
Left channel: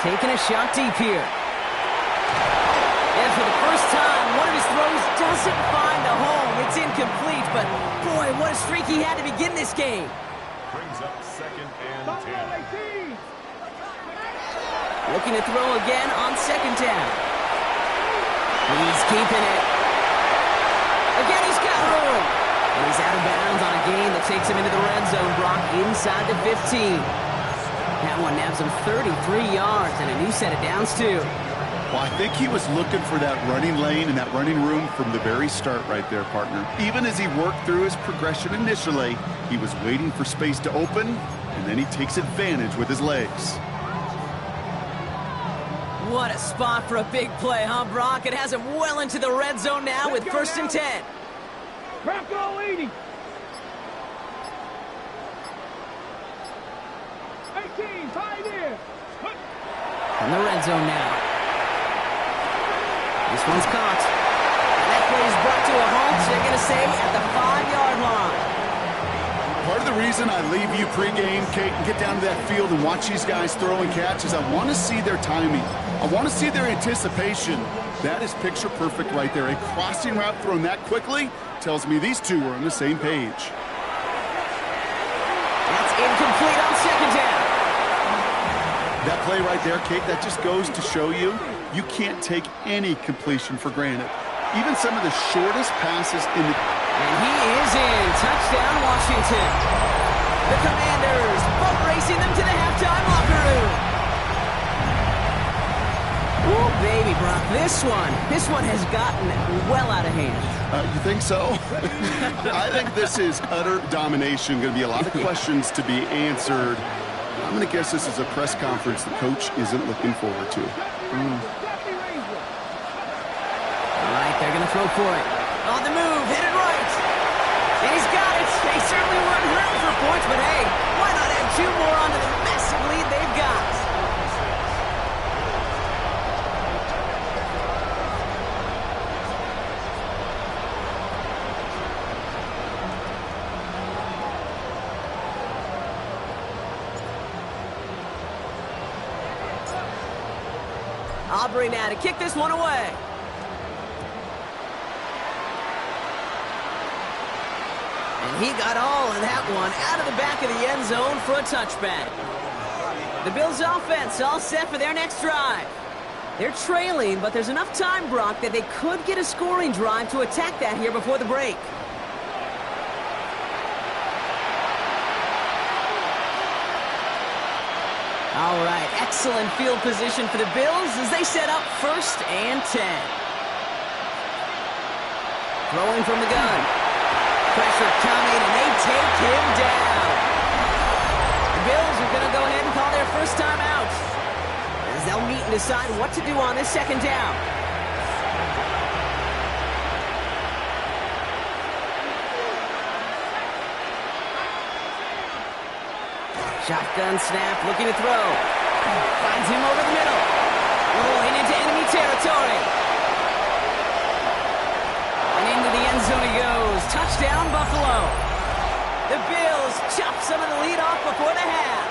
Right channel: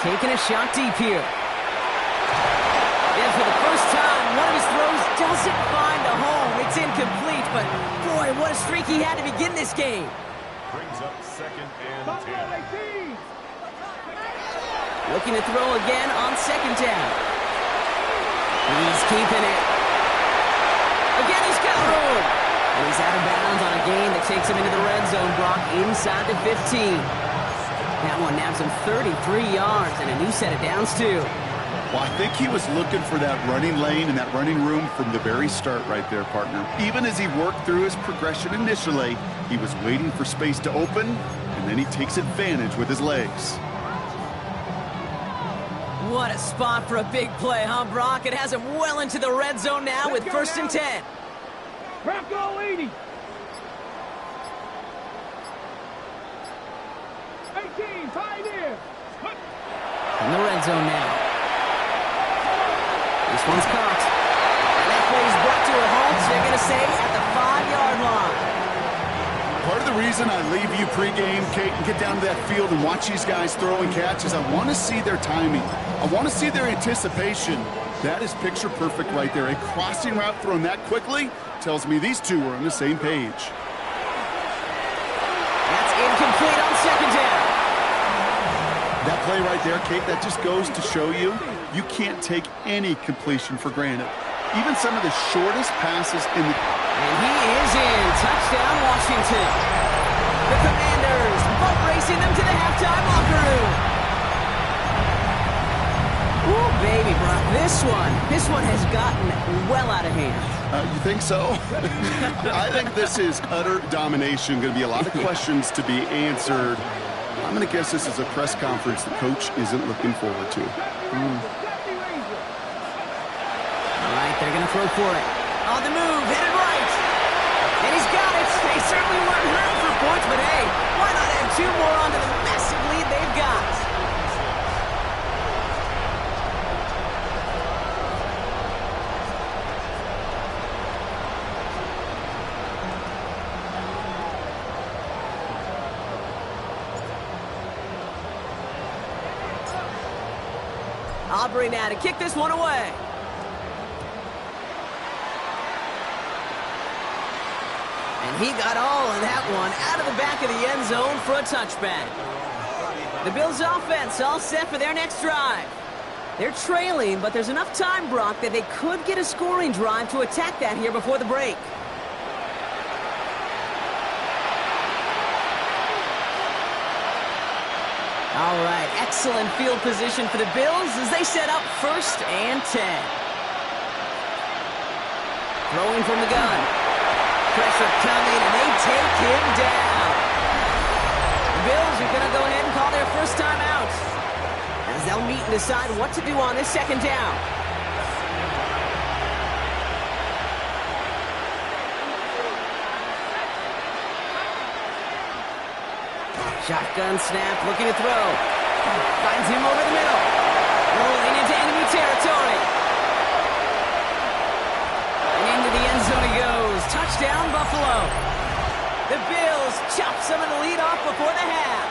Taking a shot deep here. And for the first time, one of his throws doesn't find a home. It's incomplete, but boy, what a streak he had to begin this game. Brings up 2nd and 10. Looking to throw again on 2nd down. He's keeping it. Again, he's got room. And he's out of bounds on a gain that takes him into the red zone, Brock, inside the 15. That one nabs him 33 yards and a new set of downs, too. Well, I think he was looking for that running lane and that running room from the very start right there, partner. Even as he worked through his progression initially, he was waiting for space to open, and then he takes advantage with his legs. What a spot for a big play, huh, Brock? It has him well into the red zone now with 1st and 10. Bronco 80. 18, 5 in. In the red zone now. This one's caught. And that play is brought to a halt, they're going to say, at the 5-yard line. Part of the reason I leave you pregame, Kate, and get down to that field and watch these guys throw and catch is I want to see their timing. I want to see their anticipation. That is picture perfect right there. A crossing route thrown that quickly tells me these two are on the same page. That's incomplete on 2nd down. That play right there, Kate, that just goes to show you can't take any completion for granted. Even some of the shortest passes in the... And he is in. Touchdown, Washington. The Commanders boat racing them to the halftime locker room. Ooh, baby, Brock, this one has gotten well out of hand. You think so? I think this is utter domination. Going to be a lot of questions to be answered. I'm going to guess this is a press conference the coach isn't looking forward to. All right, they're going to throw for it. On the move, headed right. And he's got it. They certainly weren't hurting for points, but hey, why not add 2 more onto the massive lead they've got? Aubrey now to kick this one away. And he got all of that one out of the back of the end zone for a touchback. The Bills offense all set for their next drive. They're trailing, but there's enough time, Brock, that they could get a scoring drive to attack that here before the break. All right, excellent field position for the Bills as they set up 1st and 10. Throwing from the gun. Pressure coming, and they take him down. The Bills are going to go ahead and call their first time out as they'll meet and decide what to do on this 2nd down. Shotgun snap, looking to throw. Finds him over the middle. Rolling into enemy territory. And into the end zone he goes. Touchdown, Buffalo. The Bills chop some of the lead off before the half.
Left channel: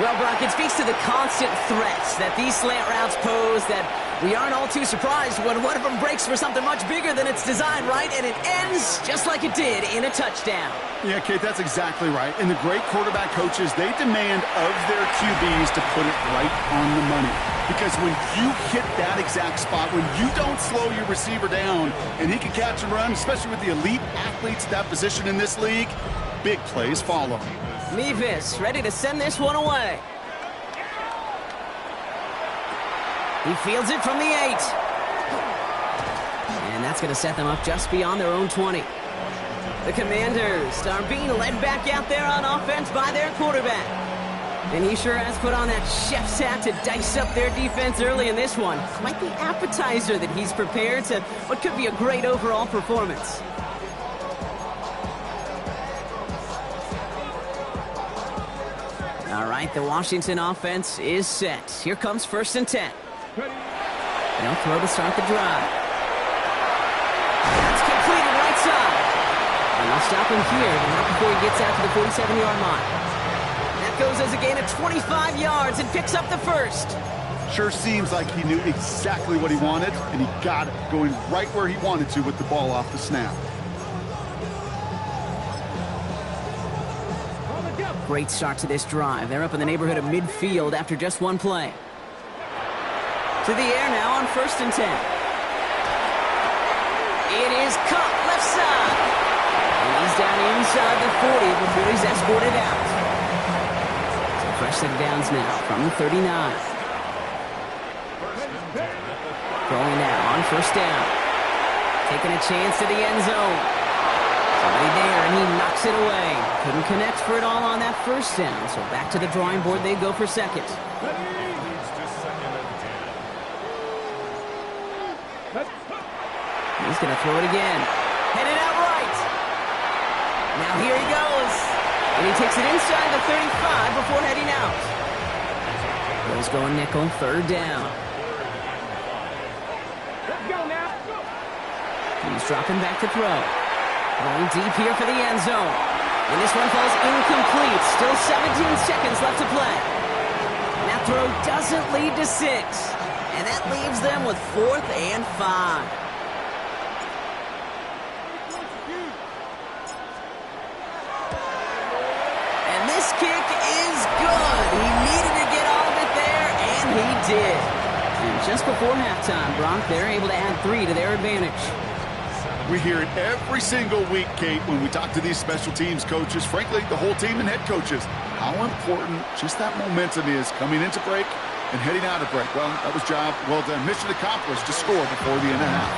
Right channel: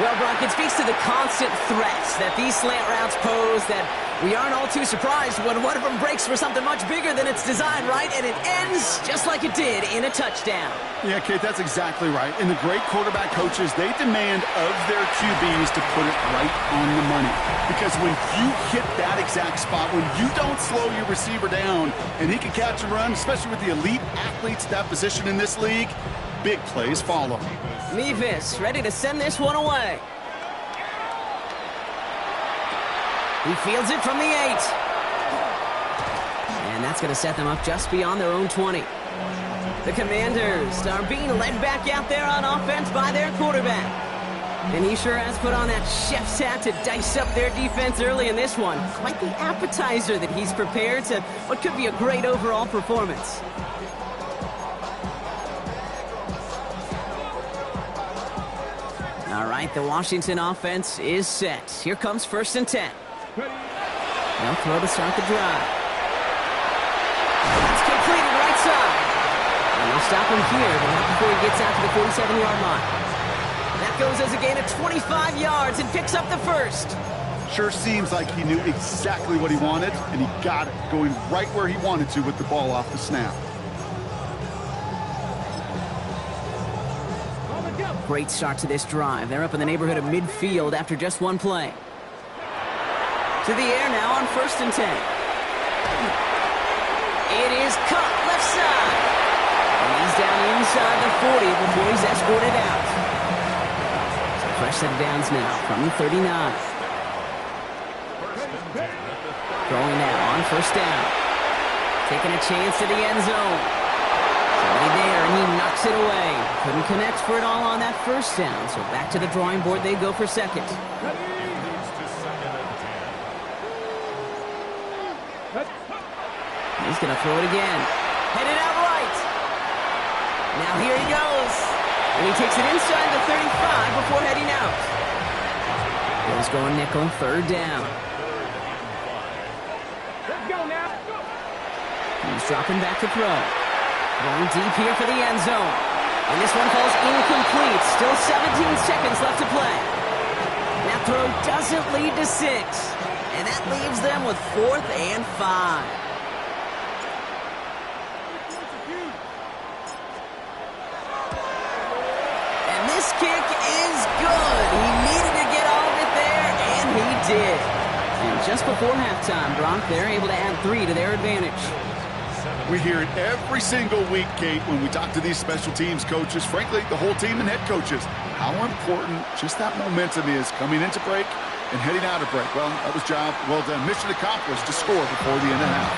Well, Brock, it speaks to the constant threats that these slant routes pose that we aren't all too surprised when one of them breaks for something much bigger than its design, right? And it ends just like it did in a touchdown. Yeah, Kate, that's exactly right. And the great quarterback coaches, they demand of their QBs to put it right on the money. Because when you hit that exact spot, when you don't slow your receiver down and he can catch and run, especially with the elite athletes at that position in this league, big plays follow. Mevis ready to send this one away. He fields it from the 8. And that's going to set them up just beyond their own 20. The Commanders are being led back out there on offense by their quarterback. And he sure has put on that chef's hat to dice up their defense early in this one. Quite the appetizer that he's prepared to what could be a great overall performance. All right, the Washington offense is set. Here comes 1st and 10. They'll throw to start the drive. That's completed right side. And they'll stop him here, but not before he gets out to the 47-yard line. That goes as a gain of 25 yards and picks up the first. Sure seems like he knew exactly what he wanted, and he got it, going right where he wanted to with the ball off the snap. Great start to this drive. They're up in the neighborhood of midfield after just one play. To the air now on 1st and 10. It is caught left side. And he's down inside the 40 before he's escorted out. So fresh set of downs now from the 39. Throwing now on 1st down. Taking a chance to the end zone. Somebody there, and he knocks it away. Couldn't connect for it all on that 1st down, so back to the drawing board they go for 2nd. He's going to throw it again. Headed out right. Now here he goes. And he takes it inside the 35 before heading out. Bills going nickel, 3rd down. Let's go now. He's dropping back to throw. Going deep here for the end zone. And this one falls incomplete. Still 17 seconds left to play. And that throw doesn't lead to 6. And that leaves them with 4th and 5. And this kick is good. He needed to get all of it there, and he did. And just before halftime, Brock, they're able to add 3 to their advantage. We hear it every single week, Kate, when we talk to these special teams coaches, frankly, the whole team and head coaches, how important just that momentum is coming into break and heading out of break. Well, that was job well done. Mission accomplished to score before the end of half.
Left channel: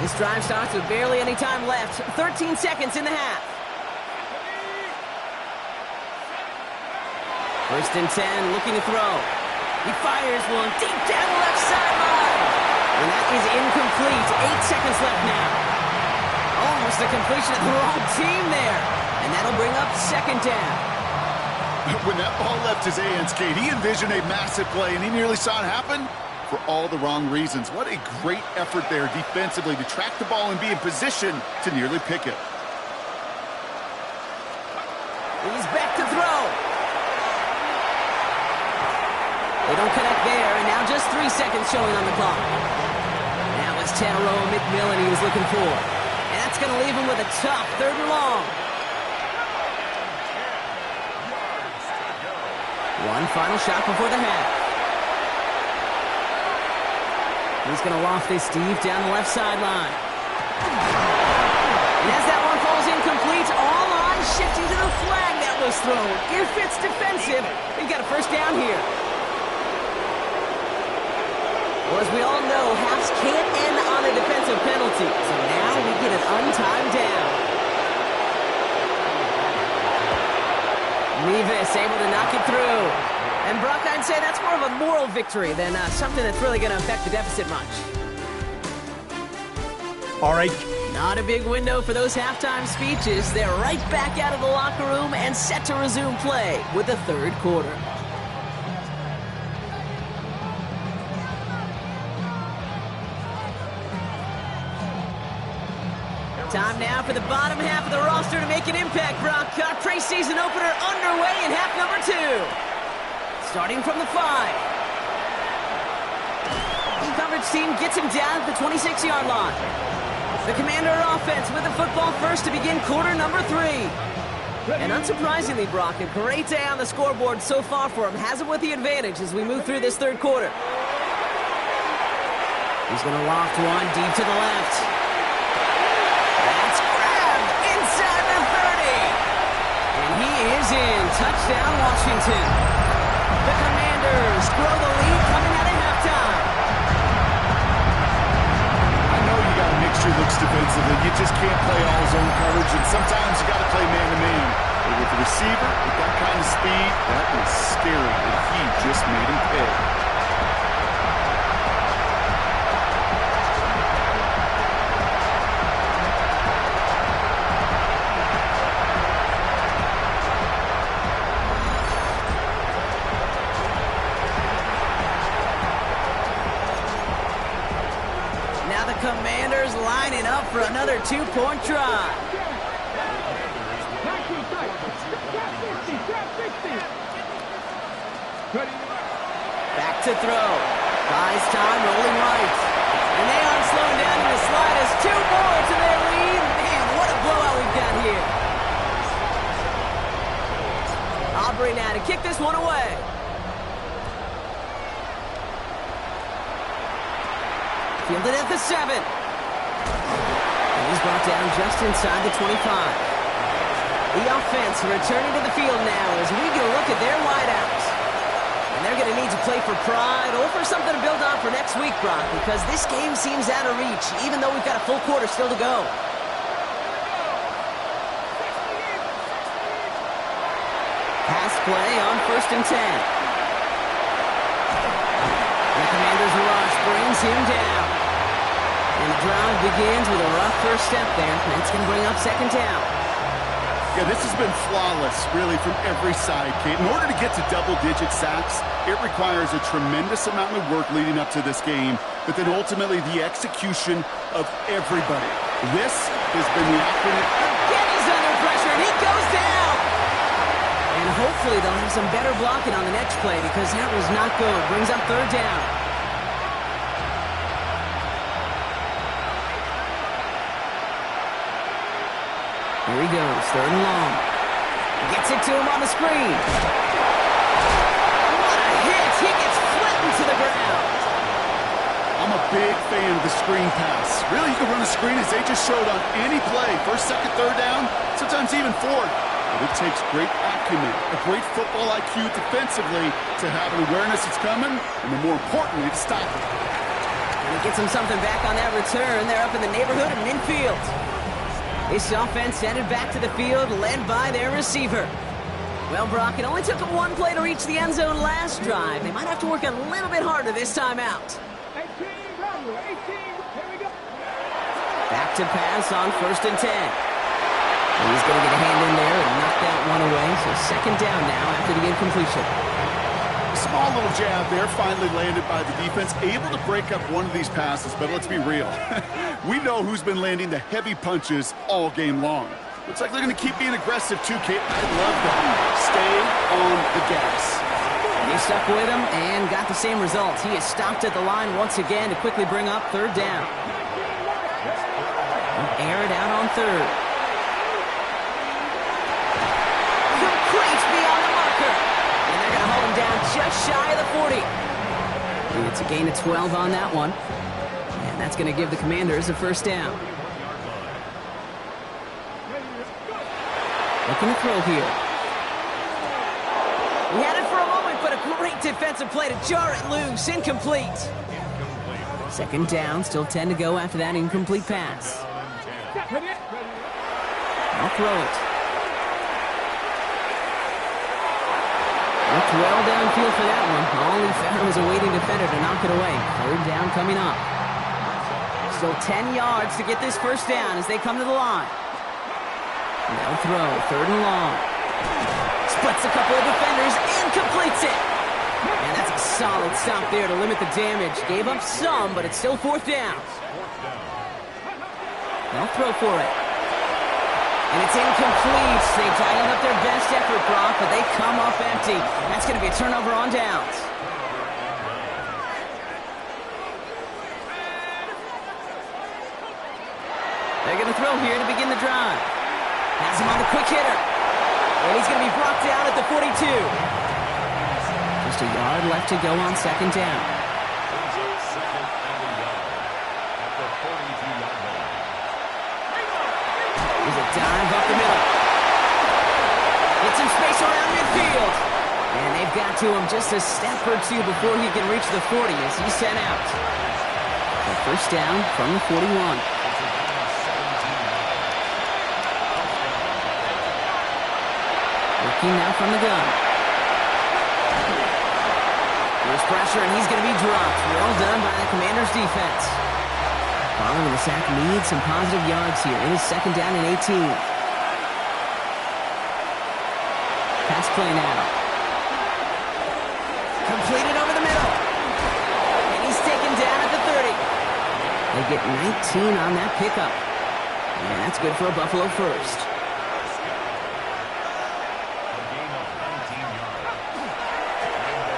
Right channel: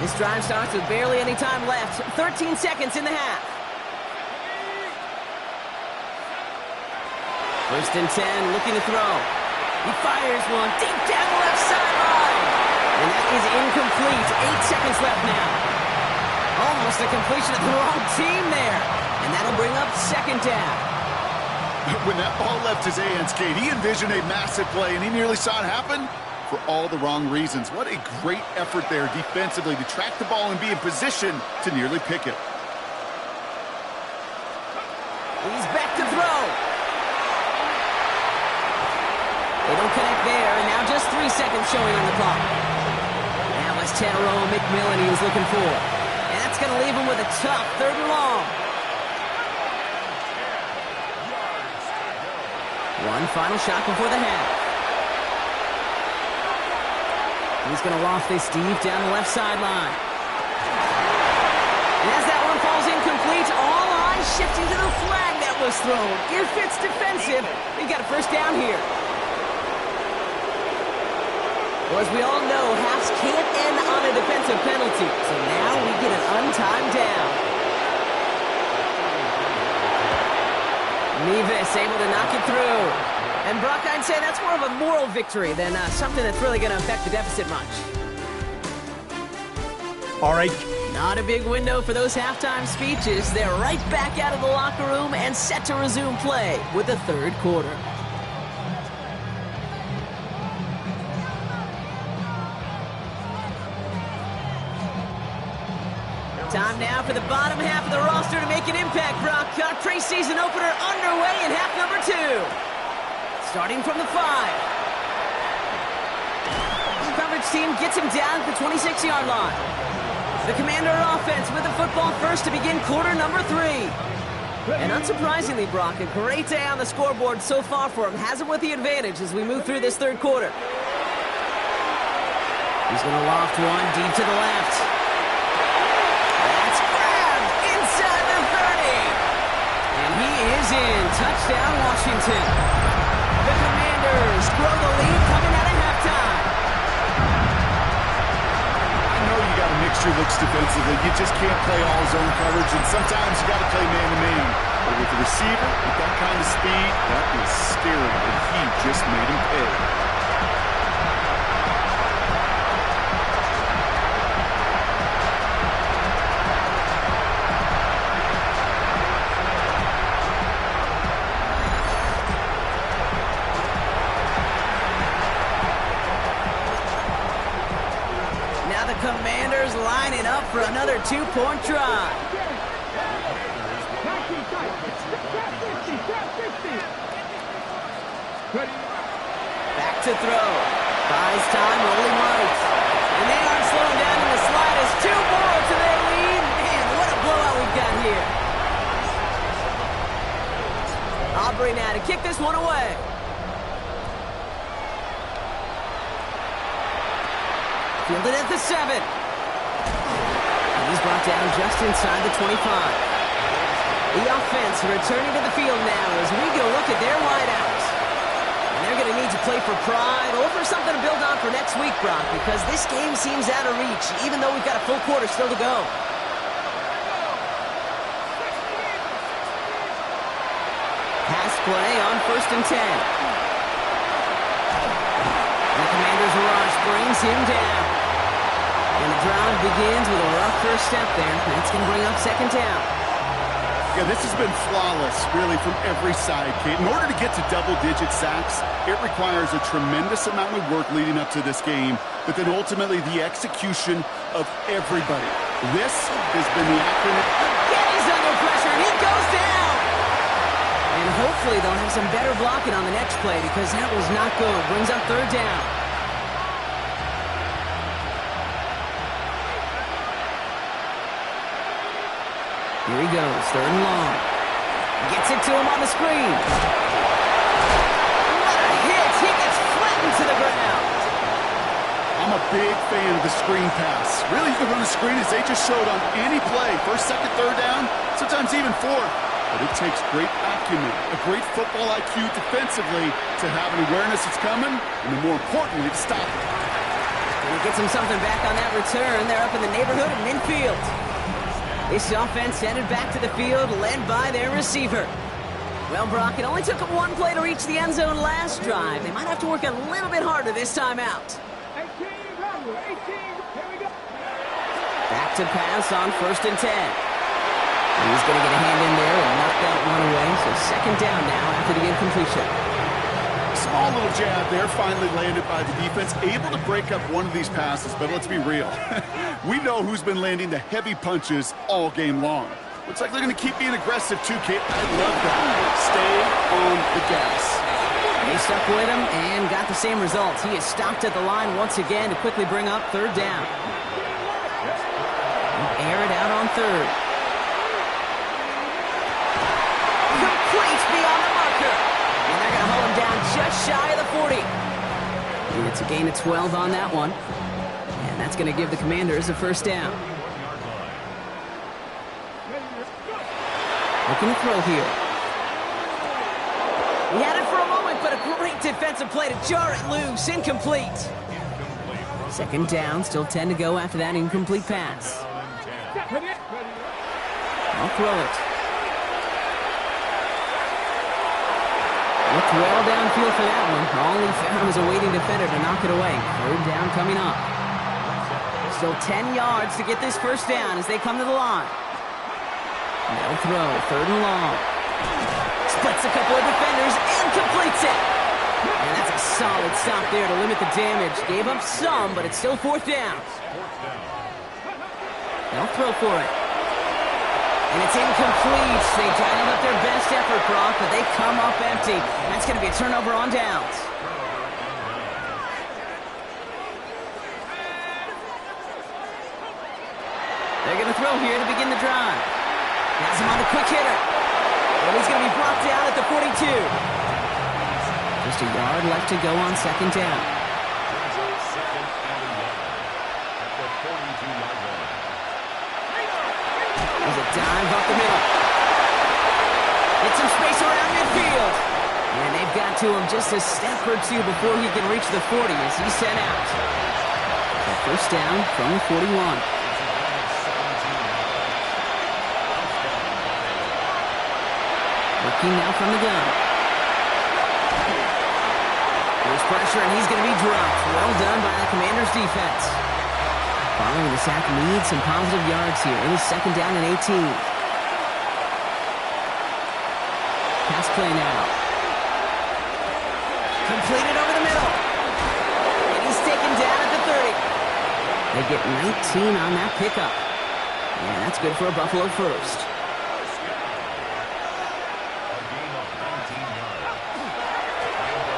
This drive starts with barely any time left. 13 seconds in the half. 1st and 10, looking to throw. He fires one deep down the left sideline. And that is incomplete. 8 seconds left now. Almost a completion of the wrong team there. And that'll bring up 2nd down. When that ball left his hands, Kate, he envisioned a massive play, and he nearly saw it happen for all the wrong reasons. What a great effort there defensively to track the ball and be in position to nearly pick it. He's back to throw. They don't connect there, and now just 3 seconds showing on the clock. That was Tanaroa McMillan he was looking for. And that's going to leave him with a tough 3rd and long. One final shot before the half. He's going to loft this deep down the left sideline. And as that one falls incomplete, all eyes shifting to the flag that was thrown. If it's defensive, they've got a 1st down here. Well, as we all know, halves can't end on a defensive penalty. So now we get an untimed down. Nevis able to knock it through. And Brock, I'd say that's more of a moral victory than something that's really going to affect the deficit much. All right. Not a big window for those halftime speeches. They're right back out of the locker room and set to resume play with the 3rd quarter. Time now for the bottom half of the roster to make an impact, Brock. Our preseason opener underway in half number 2. Starting from the 5. The coverage team gets him down at the 26-yard line. The Commander offense with the football first to begin quarter number 3. And unsurprisingly, Brock, a great day on the scoreboard so far for him. Has him with the advantage as we move through this 3rd quarter. He's going to loft one deep to the left. That's grabbed inside the 30. And he is in. Touchdown, Washington. The Commanders grow the lead coming out of halftime. I know you got to mix your looks defensively. You just can't play all zone coverage, and sometimes you got to play man-to-man. But with the receiver, with that kind of speed, that is scary, and he just made him pay. Now the Commanders lining up for another two-point drive. Back to throw. Buys time, rolling right. And they aren't slowing down in the slightest. 2 more to their lead. Man, what a blowout we've got here. Aubrey now to kick this one away. Fielded at the 7. And he's brought down just inside the 25. The offense returning to the field now as we get a look at their wideouts. And they're going to need to play for pride or for something to build on for next week, Brock, because this game seems out of reach, even though we've got a full quarter still to go. Pass play on 1st and 10. And the Commanders' rush brings him down. And the drive begins with a rough first step there. That's going to bring up 2nd down. Yeah, this has been flawless, really, from every side, Kate. In order to get to double-digit sacks, it requires a tremendous amount of work leading up to this game, but then ultimately the execution of everybody. This has been the acronym. Again, he's under pressure, and he goes down. And hopefully they'll have some better blocking on the next play because that was not good. Brings up 3rd down. Here he goes, 3rd and long. Gets it to him on the screen. What a hit! He gets flattened to the ground. I'm a big fan of the screen pass. Really, you can run a screen as they just showed on any play. 1st, 2nd, 3rd down, sometimes even 4th. But it takes great acumen, a great football IQ defensively to have an awareness it's coming, and then more importantly, to stop it. And he gets him something back on that return. They're up in the neighborhood of midfield. This offense headed back to the field, led by their receiver. Well, Brock, it only took them 1 play to reach the end zone last drive. They might have to work a little bit harder this time out. 18, here we go. Back to pass on 1st and 10. And he's going to get a hand in there and knock that one away. So 2nd down now after the incompletion. Small little jab there, finally landed by the defense, able to break up one of these passes, but let's be real. We know who's been landing the heavy punches all game long. Looks like they're going to keep being aggressive too, Kate. I love that. Stay on the gas. They stuck with him and got the same results. He is stopped at the line once again to quickly bring up 3rd down. They'll air it out on 3rd. Complete beyond the marker. And they're going to hold him down just shy of the 40. It's a gain of 12 on that one. And that's going to give the Commanders a 1st down. Looking to throw here. He had it for a moment, but a great defensive play to jar it loose. Incomplete. 2nd down, still 10 to go after that incomplete pass. I'll throw it. Looked well downfield for that one. All he found was a waiting defender to knock it away. 3rd down coming up. Still 10 yards to get this 1st down as they come to the line. They'll throw, 3rd and long. Splits a couple of defenders and completes it. And that's a solid stop there to limit the damage. Gave up some, but it's still 4th down. They'll throw for it. And it's incomplete. They dialed up their best effort, Brock, but they come up empty. That's going to be a turnover on downs. They're going to throw here to begin the drive. Has him on the quick hitter. And he's going to be brought down at the 42. Just a yard left to go on 2nd down. Brings up 2nd and a yard at the 42-yard line. There's a dive up the middle. Get some space around midfield. And they've got to him just a step or two before he can reach the 40 as he's sent out. So first down from the 41. Working now from the gun. There's pressure, and he's going to be dropped. Well done by the Commanders' defense. Following the sack needs some positive yards here. It is second down and 18. Pass play now. Completed over the middle. And he's taken down at the 30. They get 19 on that pickup. And that's good for a Buffalo first.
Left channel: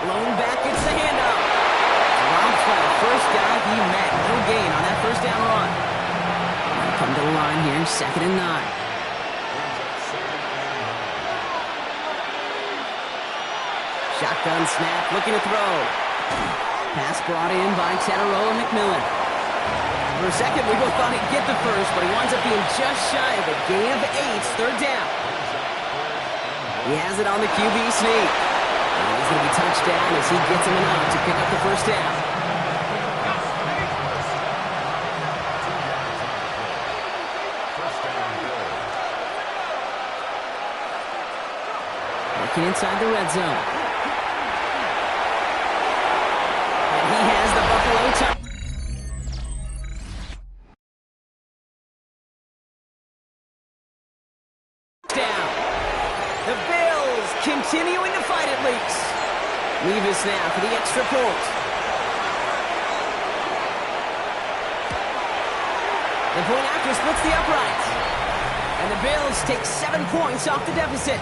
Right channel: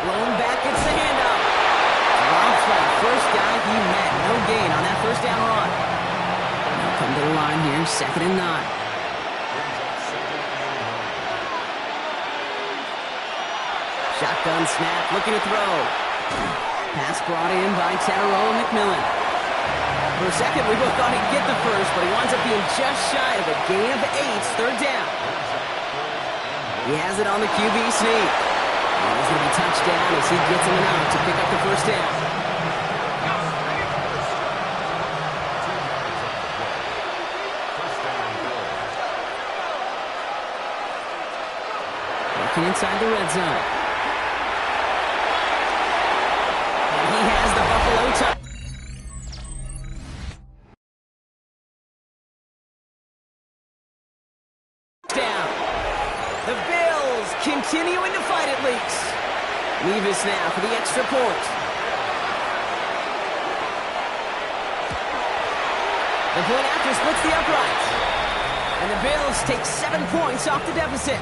Blown back, it's the handoff. Drops by the first guy he met. No gain on that first down run. Now come to the line here, second and 9. Shotgun snap, looking to throw. Pass brought in by Tataroa McMillan. For a second, we both thought he'd get the first, but he winds up being just shy of a gain of 8, third down. He has it on the QB sneak. And he's going to be touched down as he gets him enough to pick up the first down. Working inside the red zone. And he has the Buffalo touchdown. The Bills continuing to fight at least. Levis now for the extra point. The point after splits the uprights. And the Bills take 7 points off the deficit.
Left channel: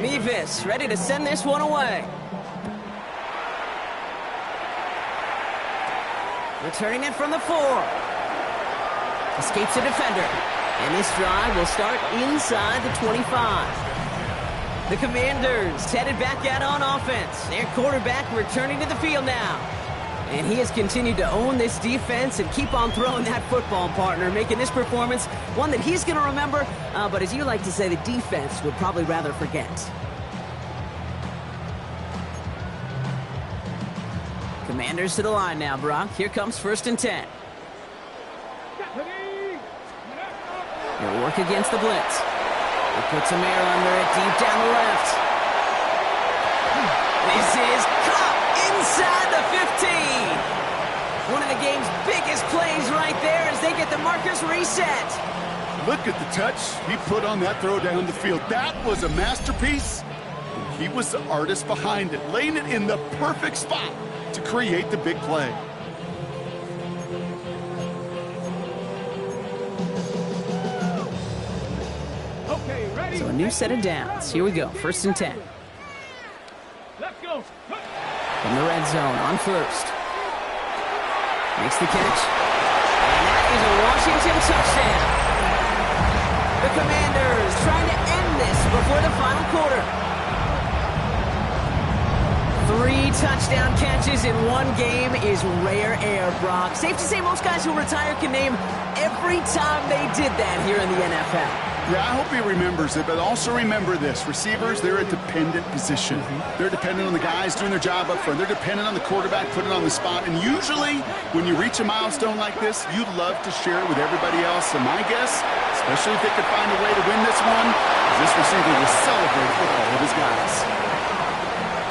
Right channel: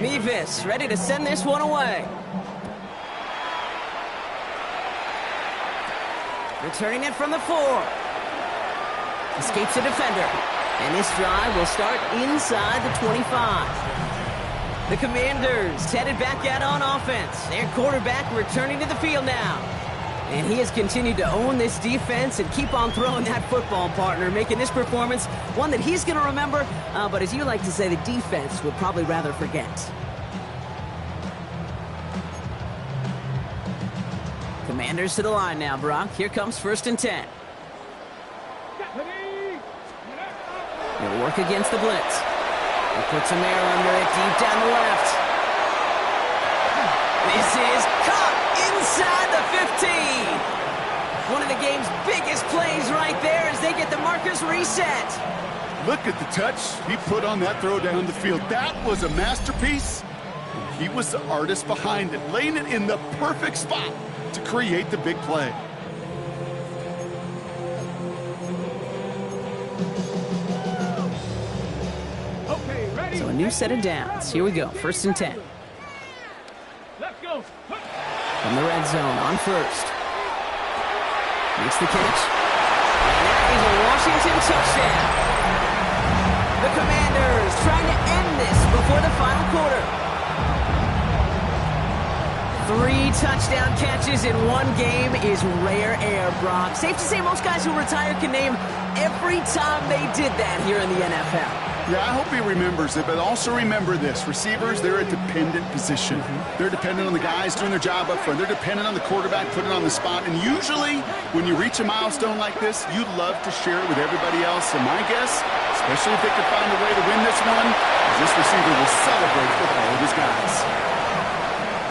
Mevis ready to send this one away. Returning it from the 4. Escapes a defender. And this drive will start inside the 25. The Commanders headed back out on offense. Their quarterback returning to the field now. And he has continued to own this defense and keep on throwing that football, partner, making this performance one that he's going to remember, but as you like to say, the defense would probably rather forget. Commanders to the line now, Brock. Here comes first and 10. He'll work against the blitz. He puts some air under it deep down the left. This is caught inside the 15. One of the game's biggest plays right there as they get the markers reset. Look at the touch he put on that throw down the field. That was a masterpiece. And he was the artist behind it, laying it in the perfect spot to create the big play. Okay, ready? So a new set of downs. Here we go. First and 10. Let's go. From the red zone on first. Makes the catch. And that is a Washington touchdown. The Commanders trying to end this before the final quarter. 3 touchdown catches in one game is rare air, Brock. Safe to say most guys who retire can name every time they did that here in the NFL. Yeah, I hope he remembers it, but also remember this. Receivers, they're a dependent position. They're dependent on the guys doing their job up front. They're dependent on the quarterback putting it on the spot. And usually, when you reach a milestone like this, you'd love to share it with everybody else. And my guess, especially if they could find a way to win this one, is this receiver will celebrate it with all of his guys.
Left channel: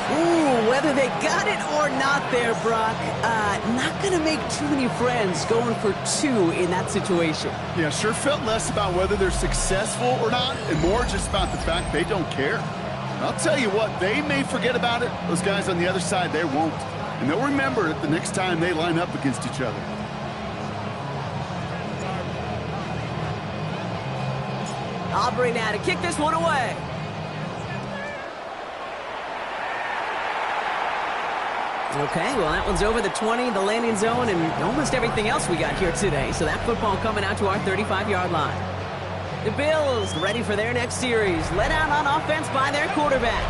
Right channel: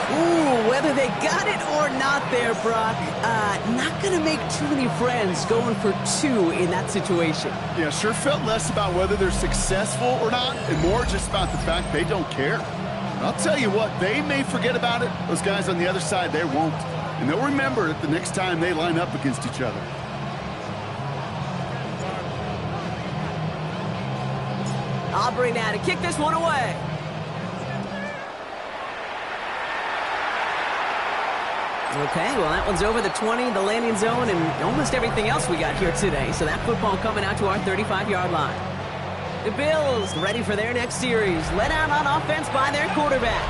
Ooh, whether they got it or not there, Brock, not going to make too many friends going for 2 in that situation. Yeah, sure felt less about whether they're successful or not, and more just about the fact they don't care. And I'll tell you what, they may forget about it. Those guys on the other side, they won't. And they'll remember it the next time they line up against each other. Aubrey now to kick this one away. Okay, well, that one's over the 20, the landing zone, and almost everything else we got here today. So that football coming out to our 35-yard line. The Bills ready for their next series, led out on offense by their quarterback.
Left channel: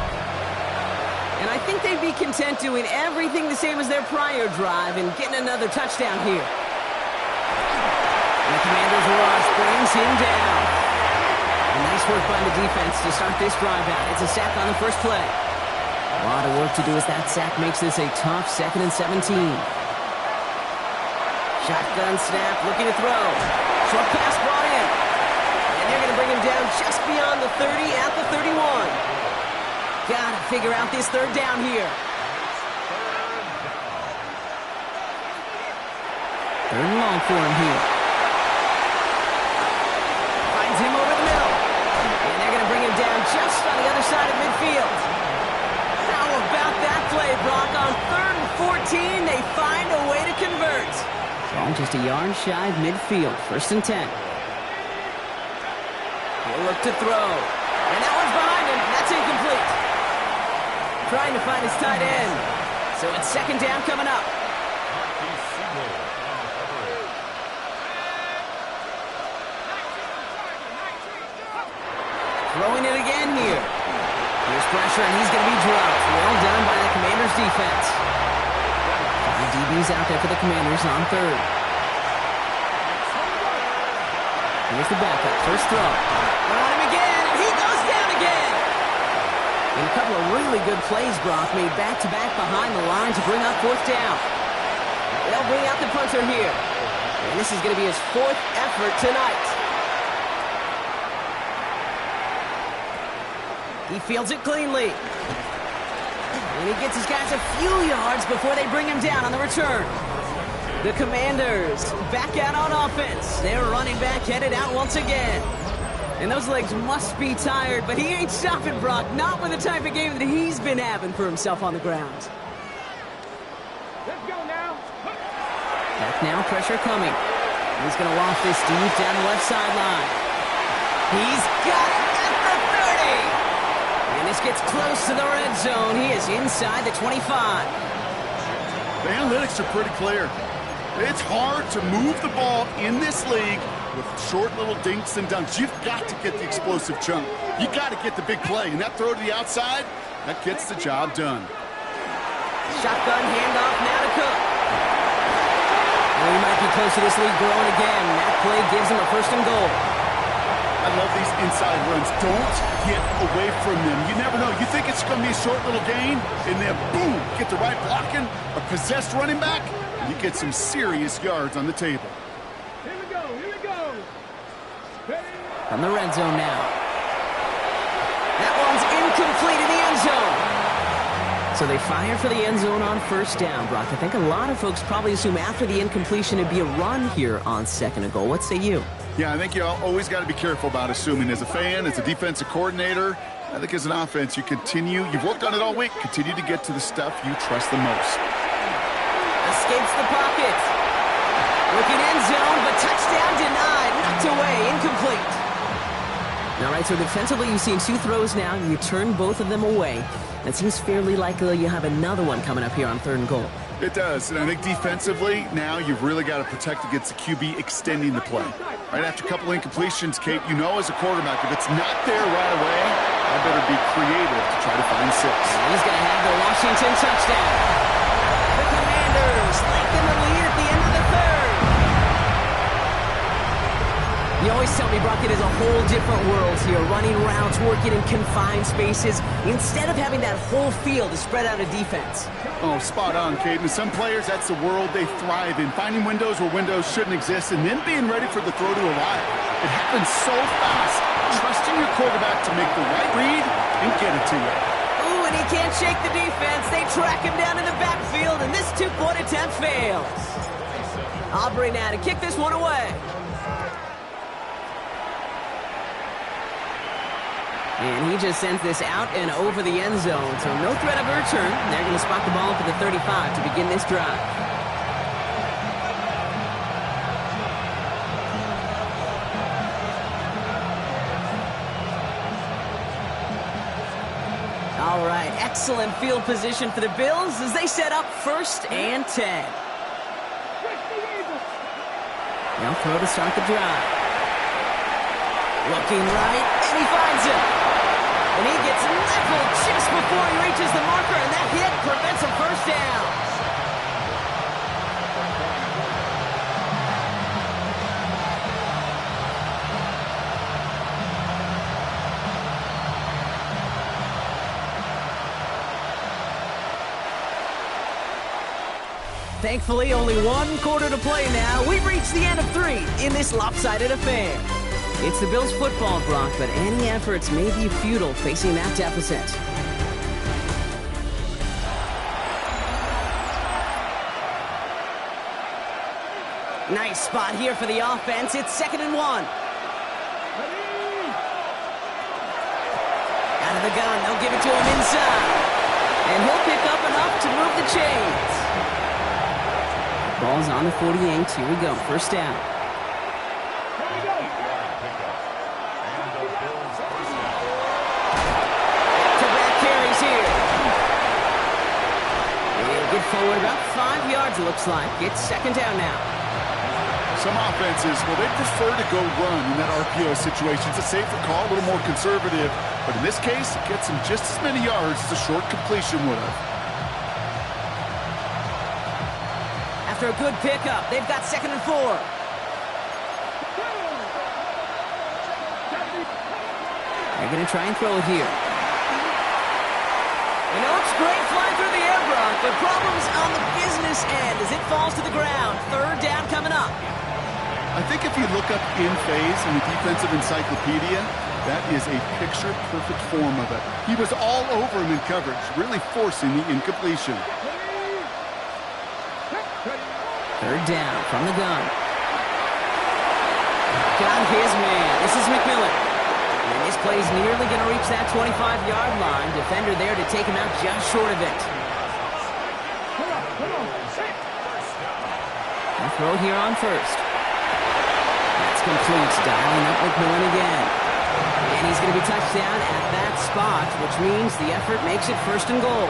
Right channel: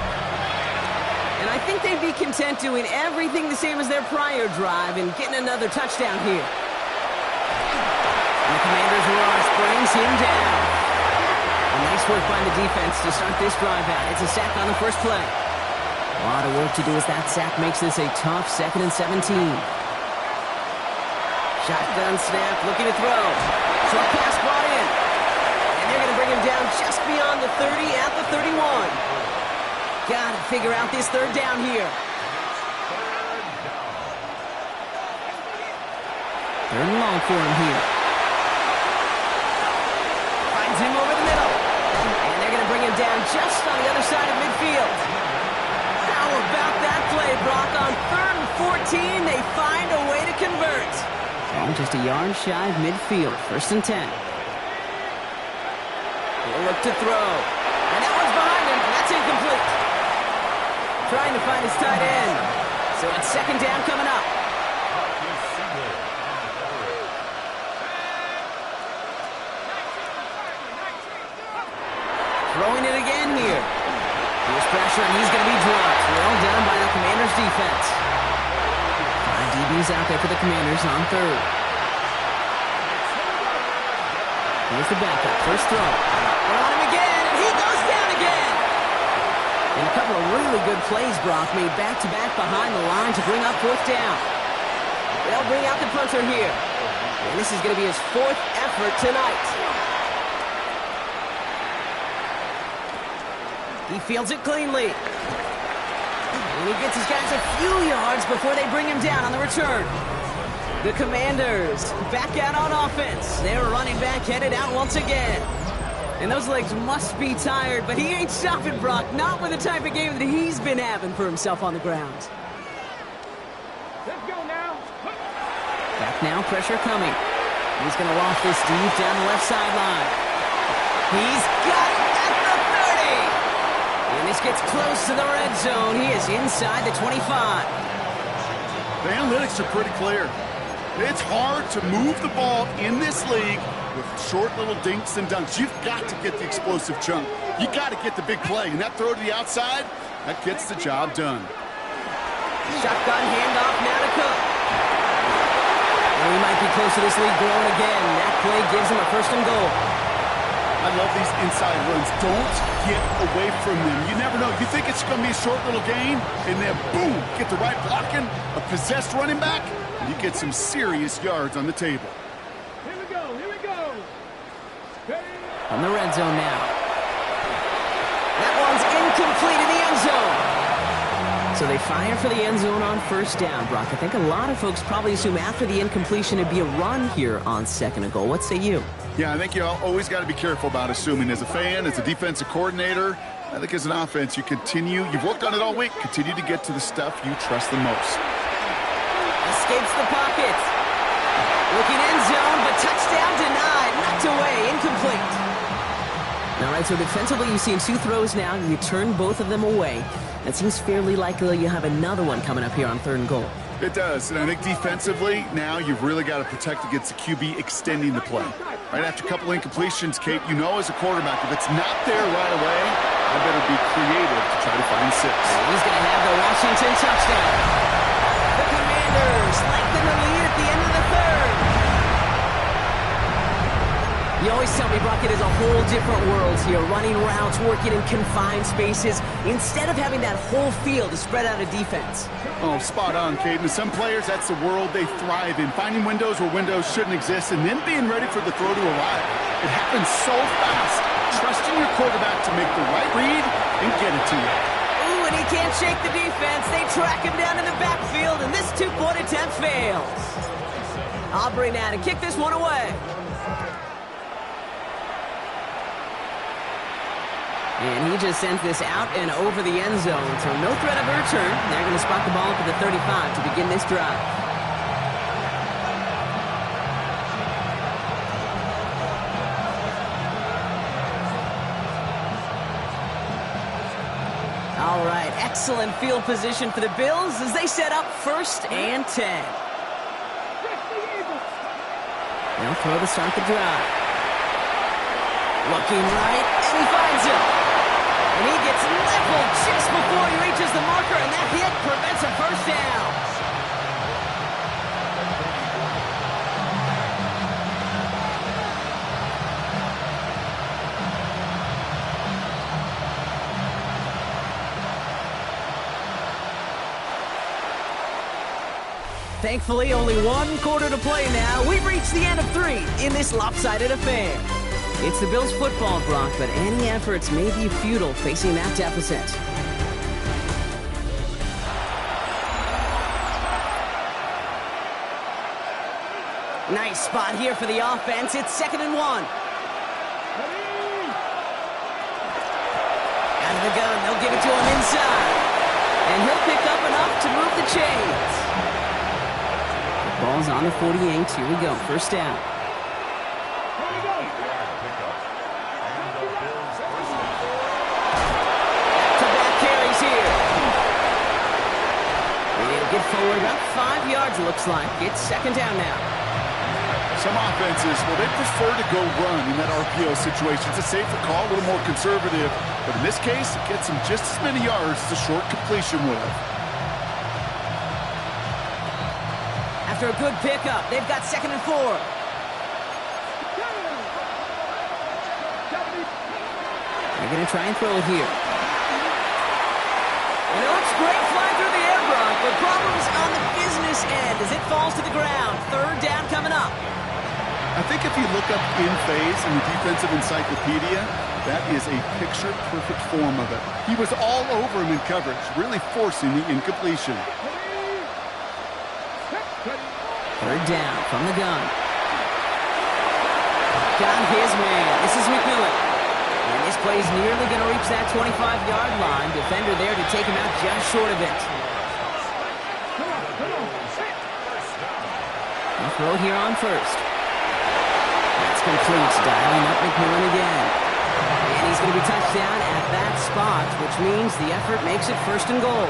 And I think they'd be content doing everything the same as their prior drive and getting another touchdown here. And the Commanders' rush brings him down. Nice work by the defense to start this drive out. It's a sack on the first play. A lot of work to do as that sack makes this a tough 2nd and 17. Shotgun snap, looking to throw. Short pass brought in. And they're going to bring him down just beyond the 30 at the 31. Got to figure out this third down here. Third and long for him here. Finds him over the middle. And they're going to bring him down just on the other side of midfield. How about that play, Brock? On 3rd and 14, they find a way to convert. Ball just a yard shy of midfield. 1st and 10. He'll look to throw. And that one's behind him. That's incomplete. Trying to find his tight end. So it's 2nd down coming up. Throwing it again here. Here's pressure, and he's going to be dropped. Well done by the Commanders' defense. 5 DBs out there for the Commanders on 3rd. Here's the backup. First throw. They're on him again, and he goes down again. And a couple of really good plays, Brock, made back-to-back behind the line to bring up 4th down. They'll bring out the punter here. And this is going to be his 4th effort tonight. He fields it cleanly. And he gets his guys a few yards before they bring him down on the return. The Commanders back out on offense. Their running back headed out once again. And those legs must be tired, but he ain't stopping, Brock. Not with the type of game that he's been having for himself on the ground. Let's go now. Back now, pressure coming. He's going to loft this deep down the left sideline. He's got it at the 30. And this gets close to the red zone. He is inside the 25. The analytics are pretty clear. It's hard to move the ball in this league with short little dinks and dunks. You've got to get the explosive chunk. You got to get the big play. And that throw to the outside, that gets the job done. Shotgun handoff now to Cook. Well, he might be close to this league growing again. That play gives him a 1st and goal. I love these inside runs. Don't get away from them. You never know. You think it's going to be a short little gain, and then boom, get the right blocking, a possessed running back, and you get some serious yards on the table. Here we go. Here we go. Ready? From the red zone now. That one's incomplete in the end zone. So they fire for the end zone on 1st down, Brock. I think a lot of folks probably assume after the incompletion it'd be a run here on 2nd and goal. What say you? Yeah, I think you always got to be careful about assuming. As a fan, as a defensive coordinator, I think as an offense, you've worked on it all week, continue to get to the stuff you trust the most. Escapes the pocket. Looking end zone, but touchdown denied. Knocked away, incomplete. All right, so defensively you've seen 2 throws now. You turn both of them away. It seems fairly likely you have another one coming up here on 3rd and goal. It does, and I think defensively, now you've really got to protect against the QB extending the play. Right after a couple of incompletions, Kate, you know as a quarterback, if it's not there right away, I better be creative to try to find 6. He's going to have the Washington touchdown. The Commanders lengthen the lead at the end of the 3rd. You always tell me, Brock, it is a whole different world here. Running routes, working in confined spaces, instead of having that whole field to spread out a defense. Oh, spot on, Caden. Some players, that's the world they thrive in. Finding windows where windows shouldn't exist and then being ready for the throw to arrive. It happens so fast. Trusting your quarterback to make the right read and get it to you. Ooh, and he can't shake the defense. They track him down in the backfield, and this 2-point attempt fails. Aubrey now to kick this one away. And he just sends this out and over the end zone, so no threat of a return. They're going to spot the ball up at the 35 to begin this drive. All right, excellent field position for the Bills as they set up 1st and 10. They'll throw to start the drive. Looking right, and he finds him. And he gets leveled just before he reaches the marker, and that hit prevents a first down. Thankfully, only one quarter to play now. We've reached the end of 3 in this lopsided affair. It's the Bills' football, Brock, but any efforts may be futile facing that deficit. Nice spot here for the offense. It's 2nd and 1. Out of the gun, they'll give it to him inside. And he'll pick up enough to move the chains. The ball's on the 48. Here we go. First down. Carries here. He'll get forward about 5 yards, looks like. It's 2nd down now. Some offenses, well, they prefer to go run in that RPO situation. It's a safer call, a little more conservative. But in this case, it gets them just as many yards as a short completion would have. After a good pickup, they've got 2nd and 4. They're going to try and throw it here. And it looks great flying through the air, Brock, but problems on the business end as it falls to the ground. 3rd down coming up. I think if you look up in phase in the defensive encyclopedia, that is a picture-perfect form of it. He was all over him in coverage, really forcing the incompletion. 3rd down from the gun. Got his man. This is McMillan. And this play's nearly going to reach that 25-yard line. Defender there to take him out just short of it. A throw here on 1st. That's complete. Dialing up McMillan again. And he's going to be touched down at that spot, which means the effort makes it 1st and goal.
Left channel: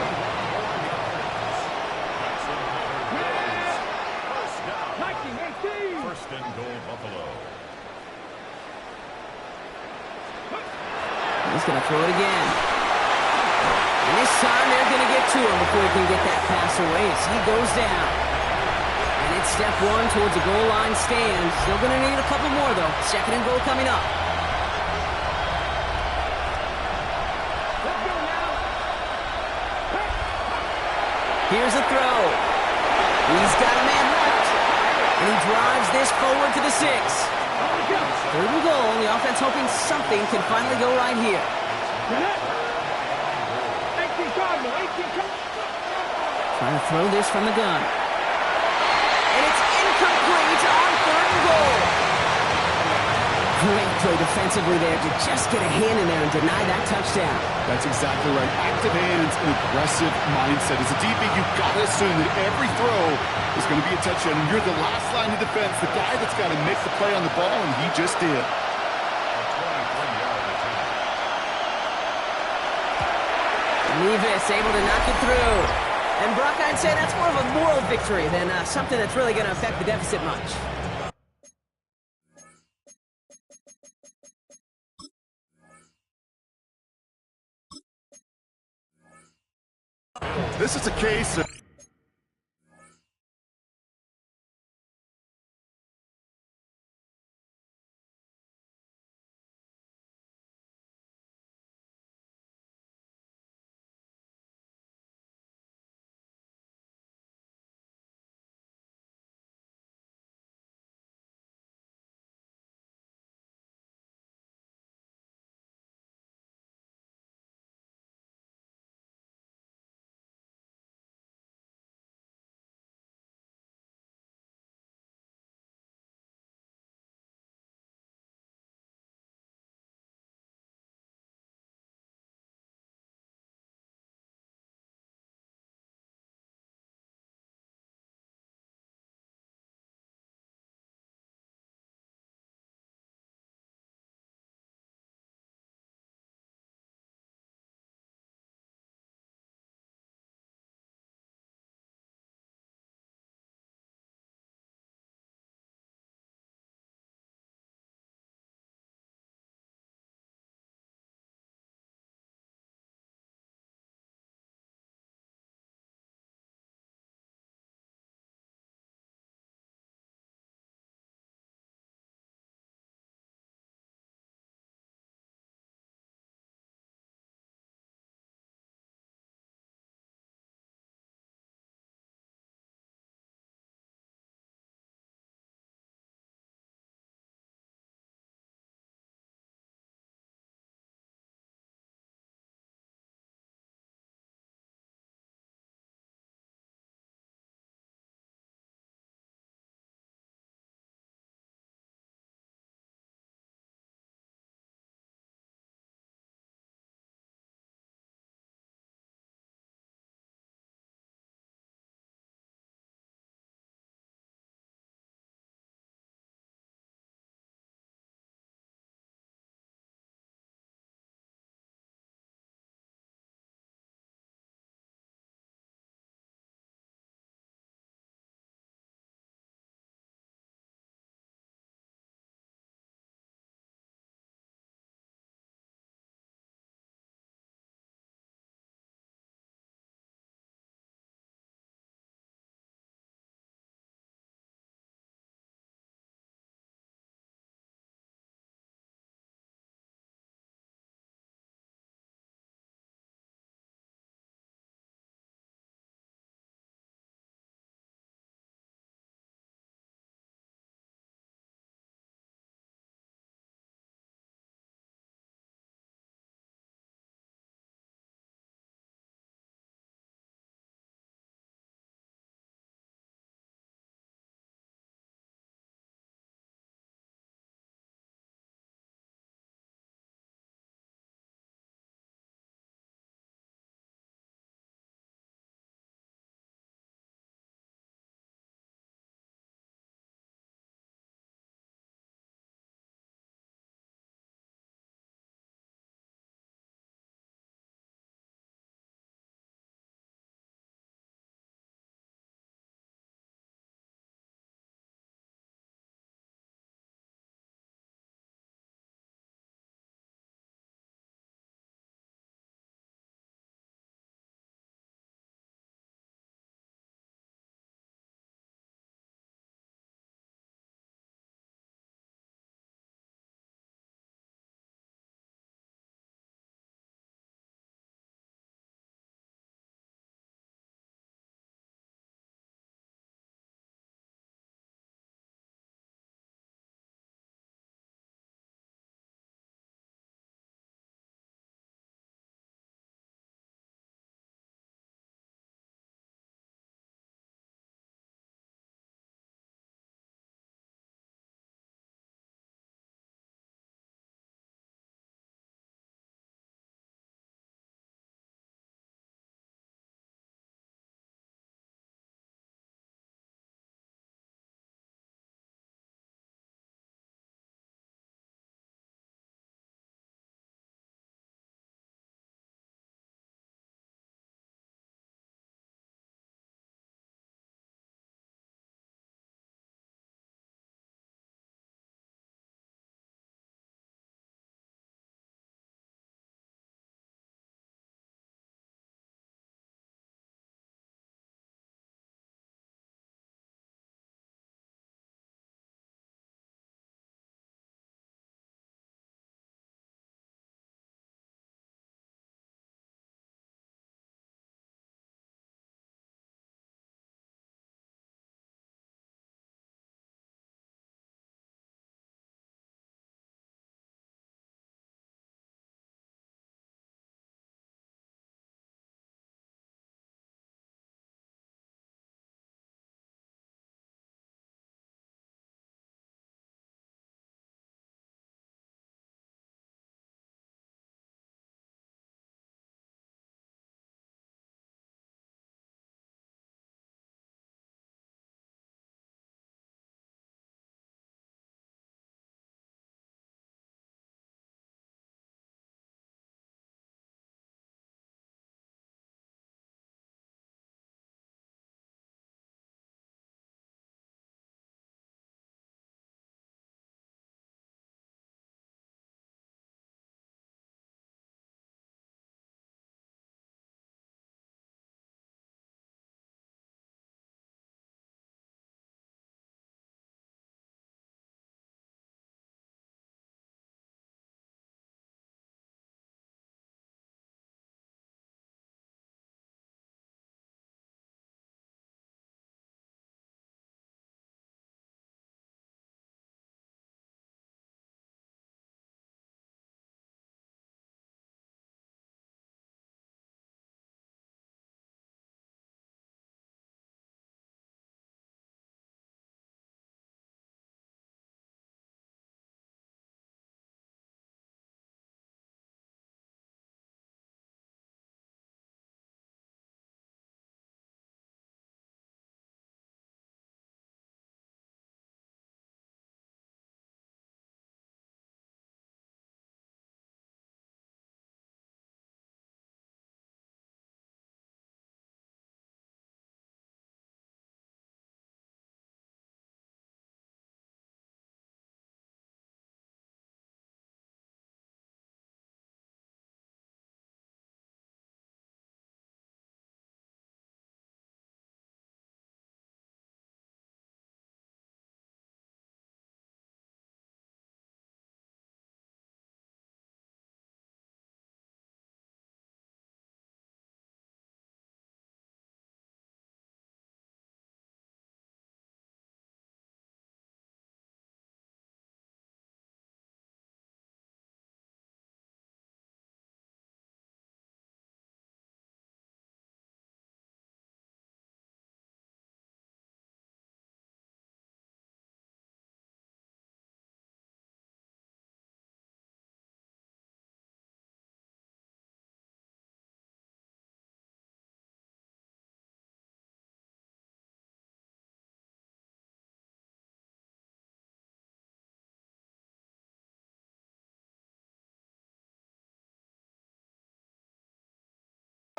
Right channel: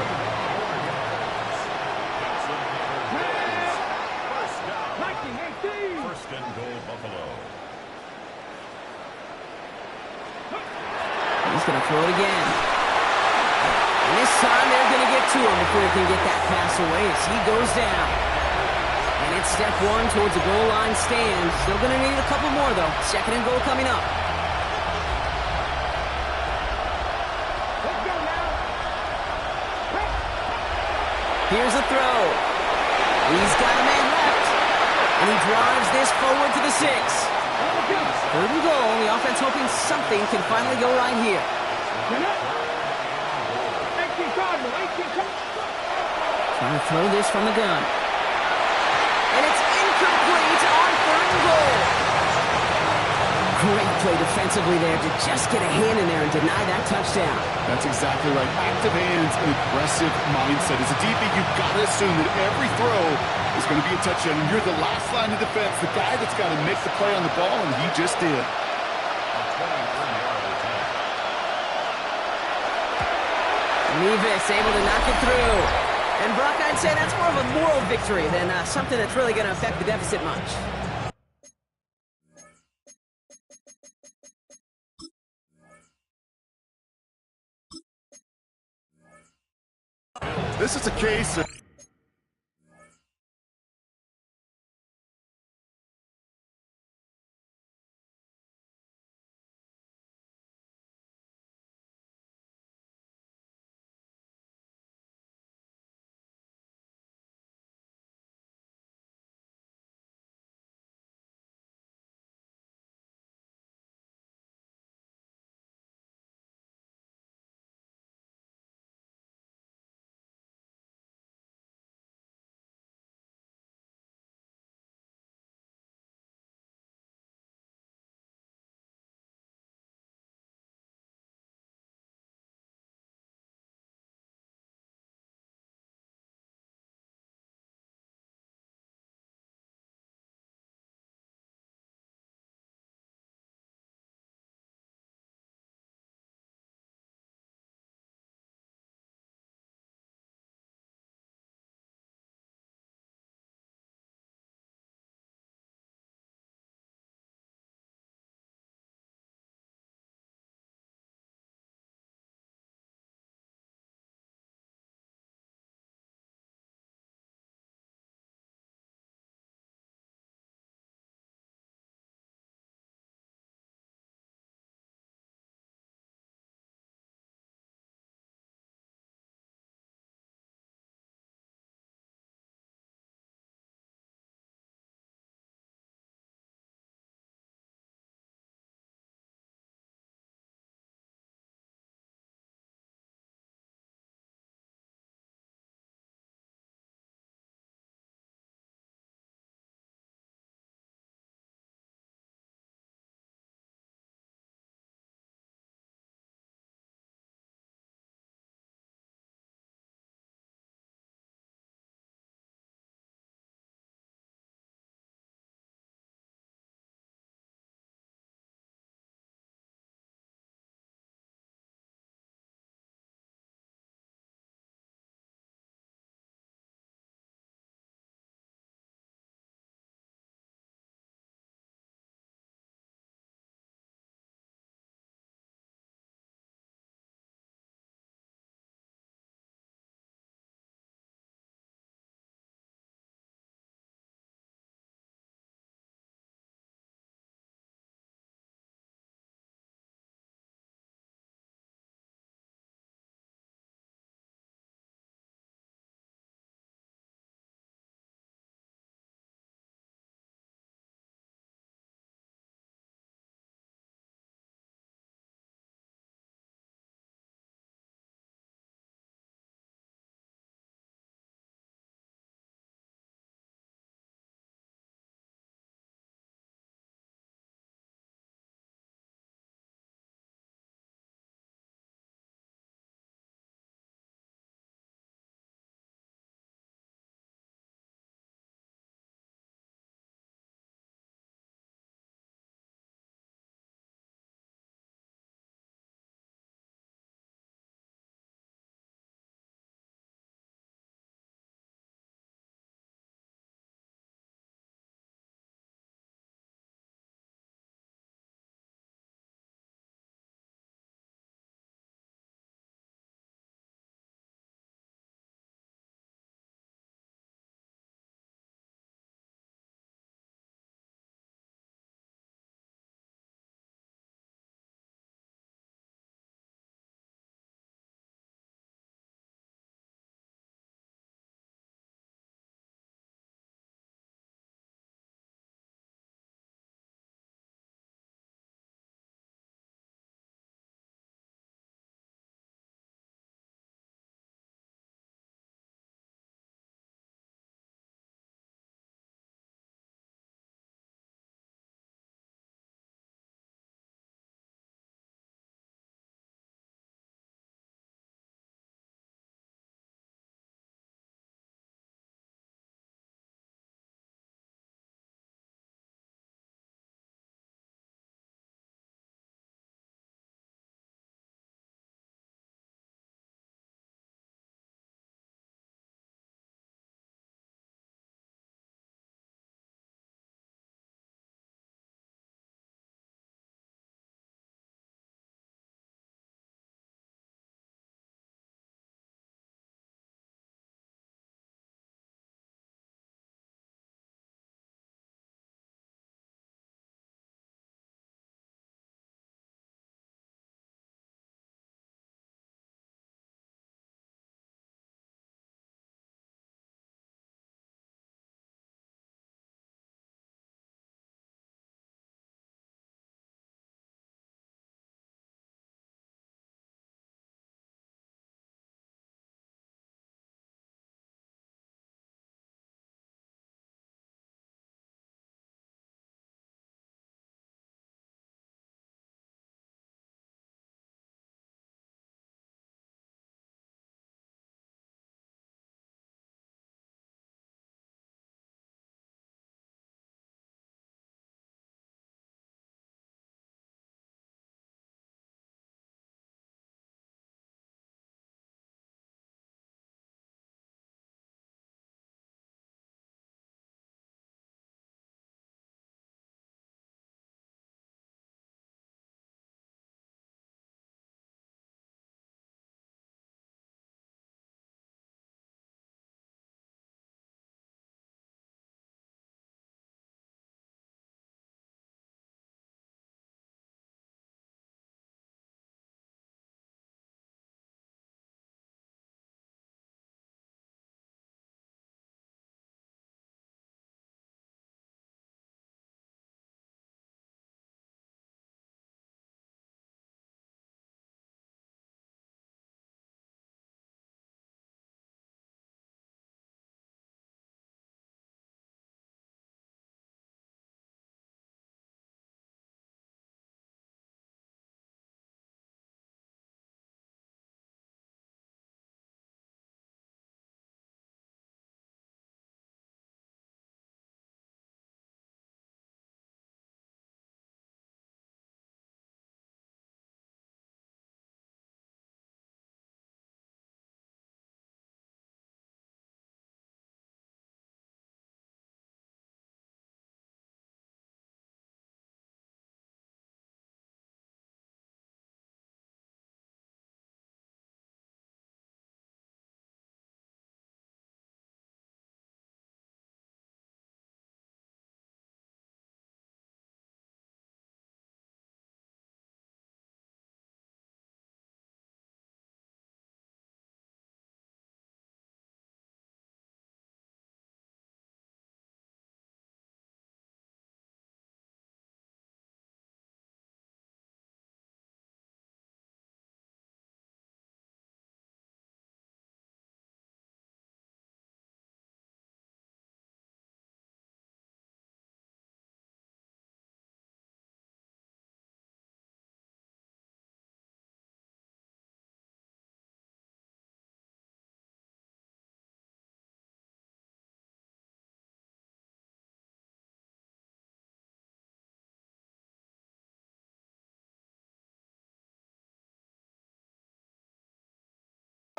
First and goal, Buffalo. He's going to throw it again. And this time they're going to get to him before he can get that pass away as he goes down. And it's step 1 towards a goal line stand. Still going to need a couple more, though. 2nd and goal coming up. Let's go now. Here's a throw. He's got a man left. And he drives this forward to the 6. 3rd and goal. The offense hoping something can finally go right here. Trying to throw this from the gun. And it's incomplete on 3rd and goal. Great play defensively there to just get a hand in there and deny that touchdown. That's exactly right. Active hands and aggressive mindset. As a DB, you've got to assume that every throw is going to be a touchdown, and you're the last line of defense, the guy that's got to make the play on the ball, and he just did. A 23-yard attempt. Nevis able to knock it through. And Brock, I'd say that's more of a moral victory than something that's really going to affect the deficit much. This is a case of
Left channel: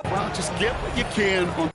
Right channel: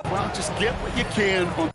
Well, just get what you can on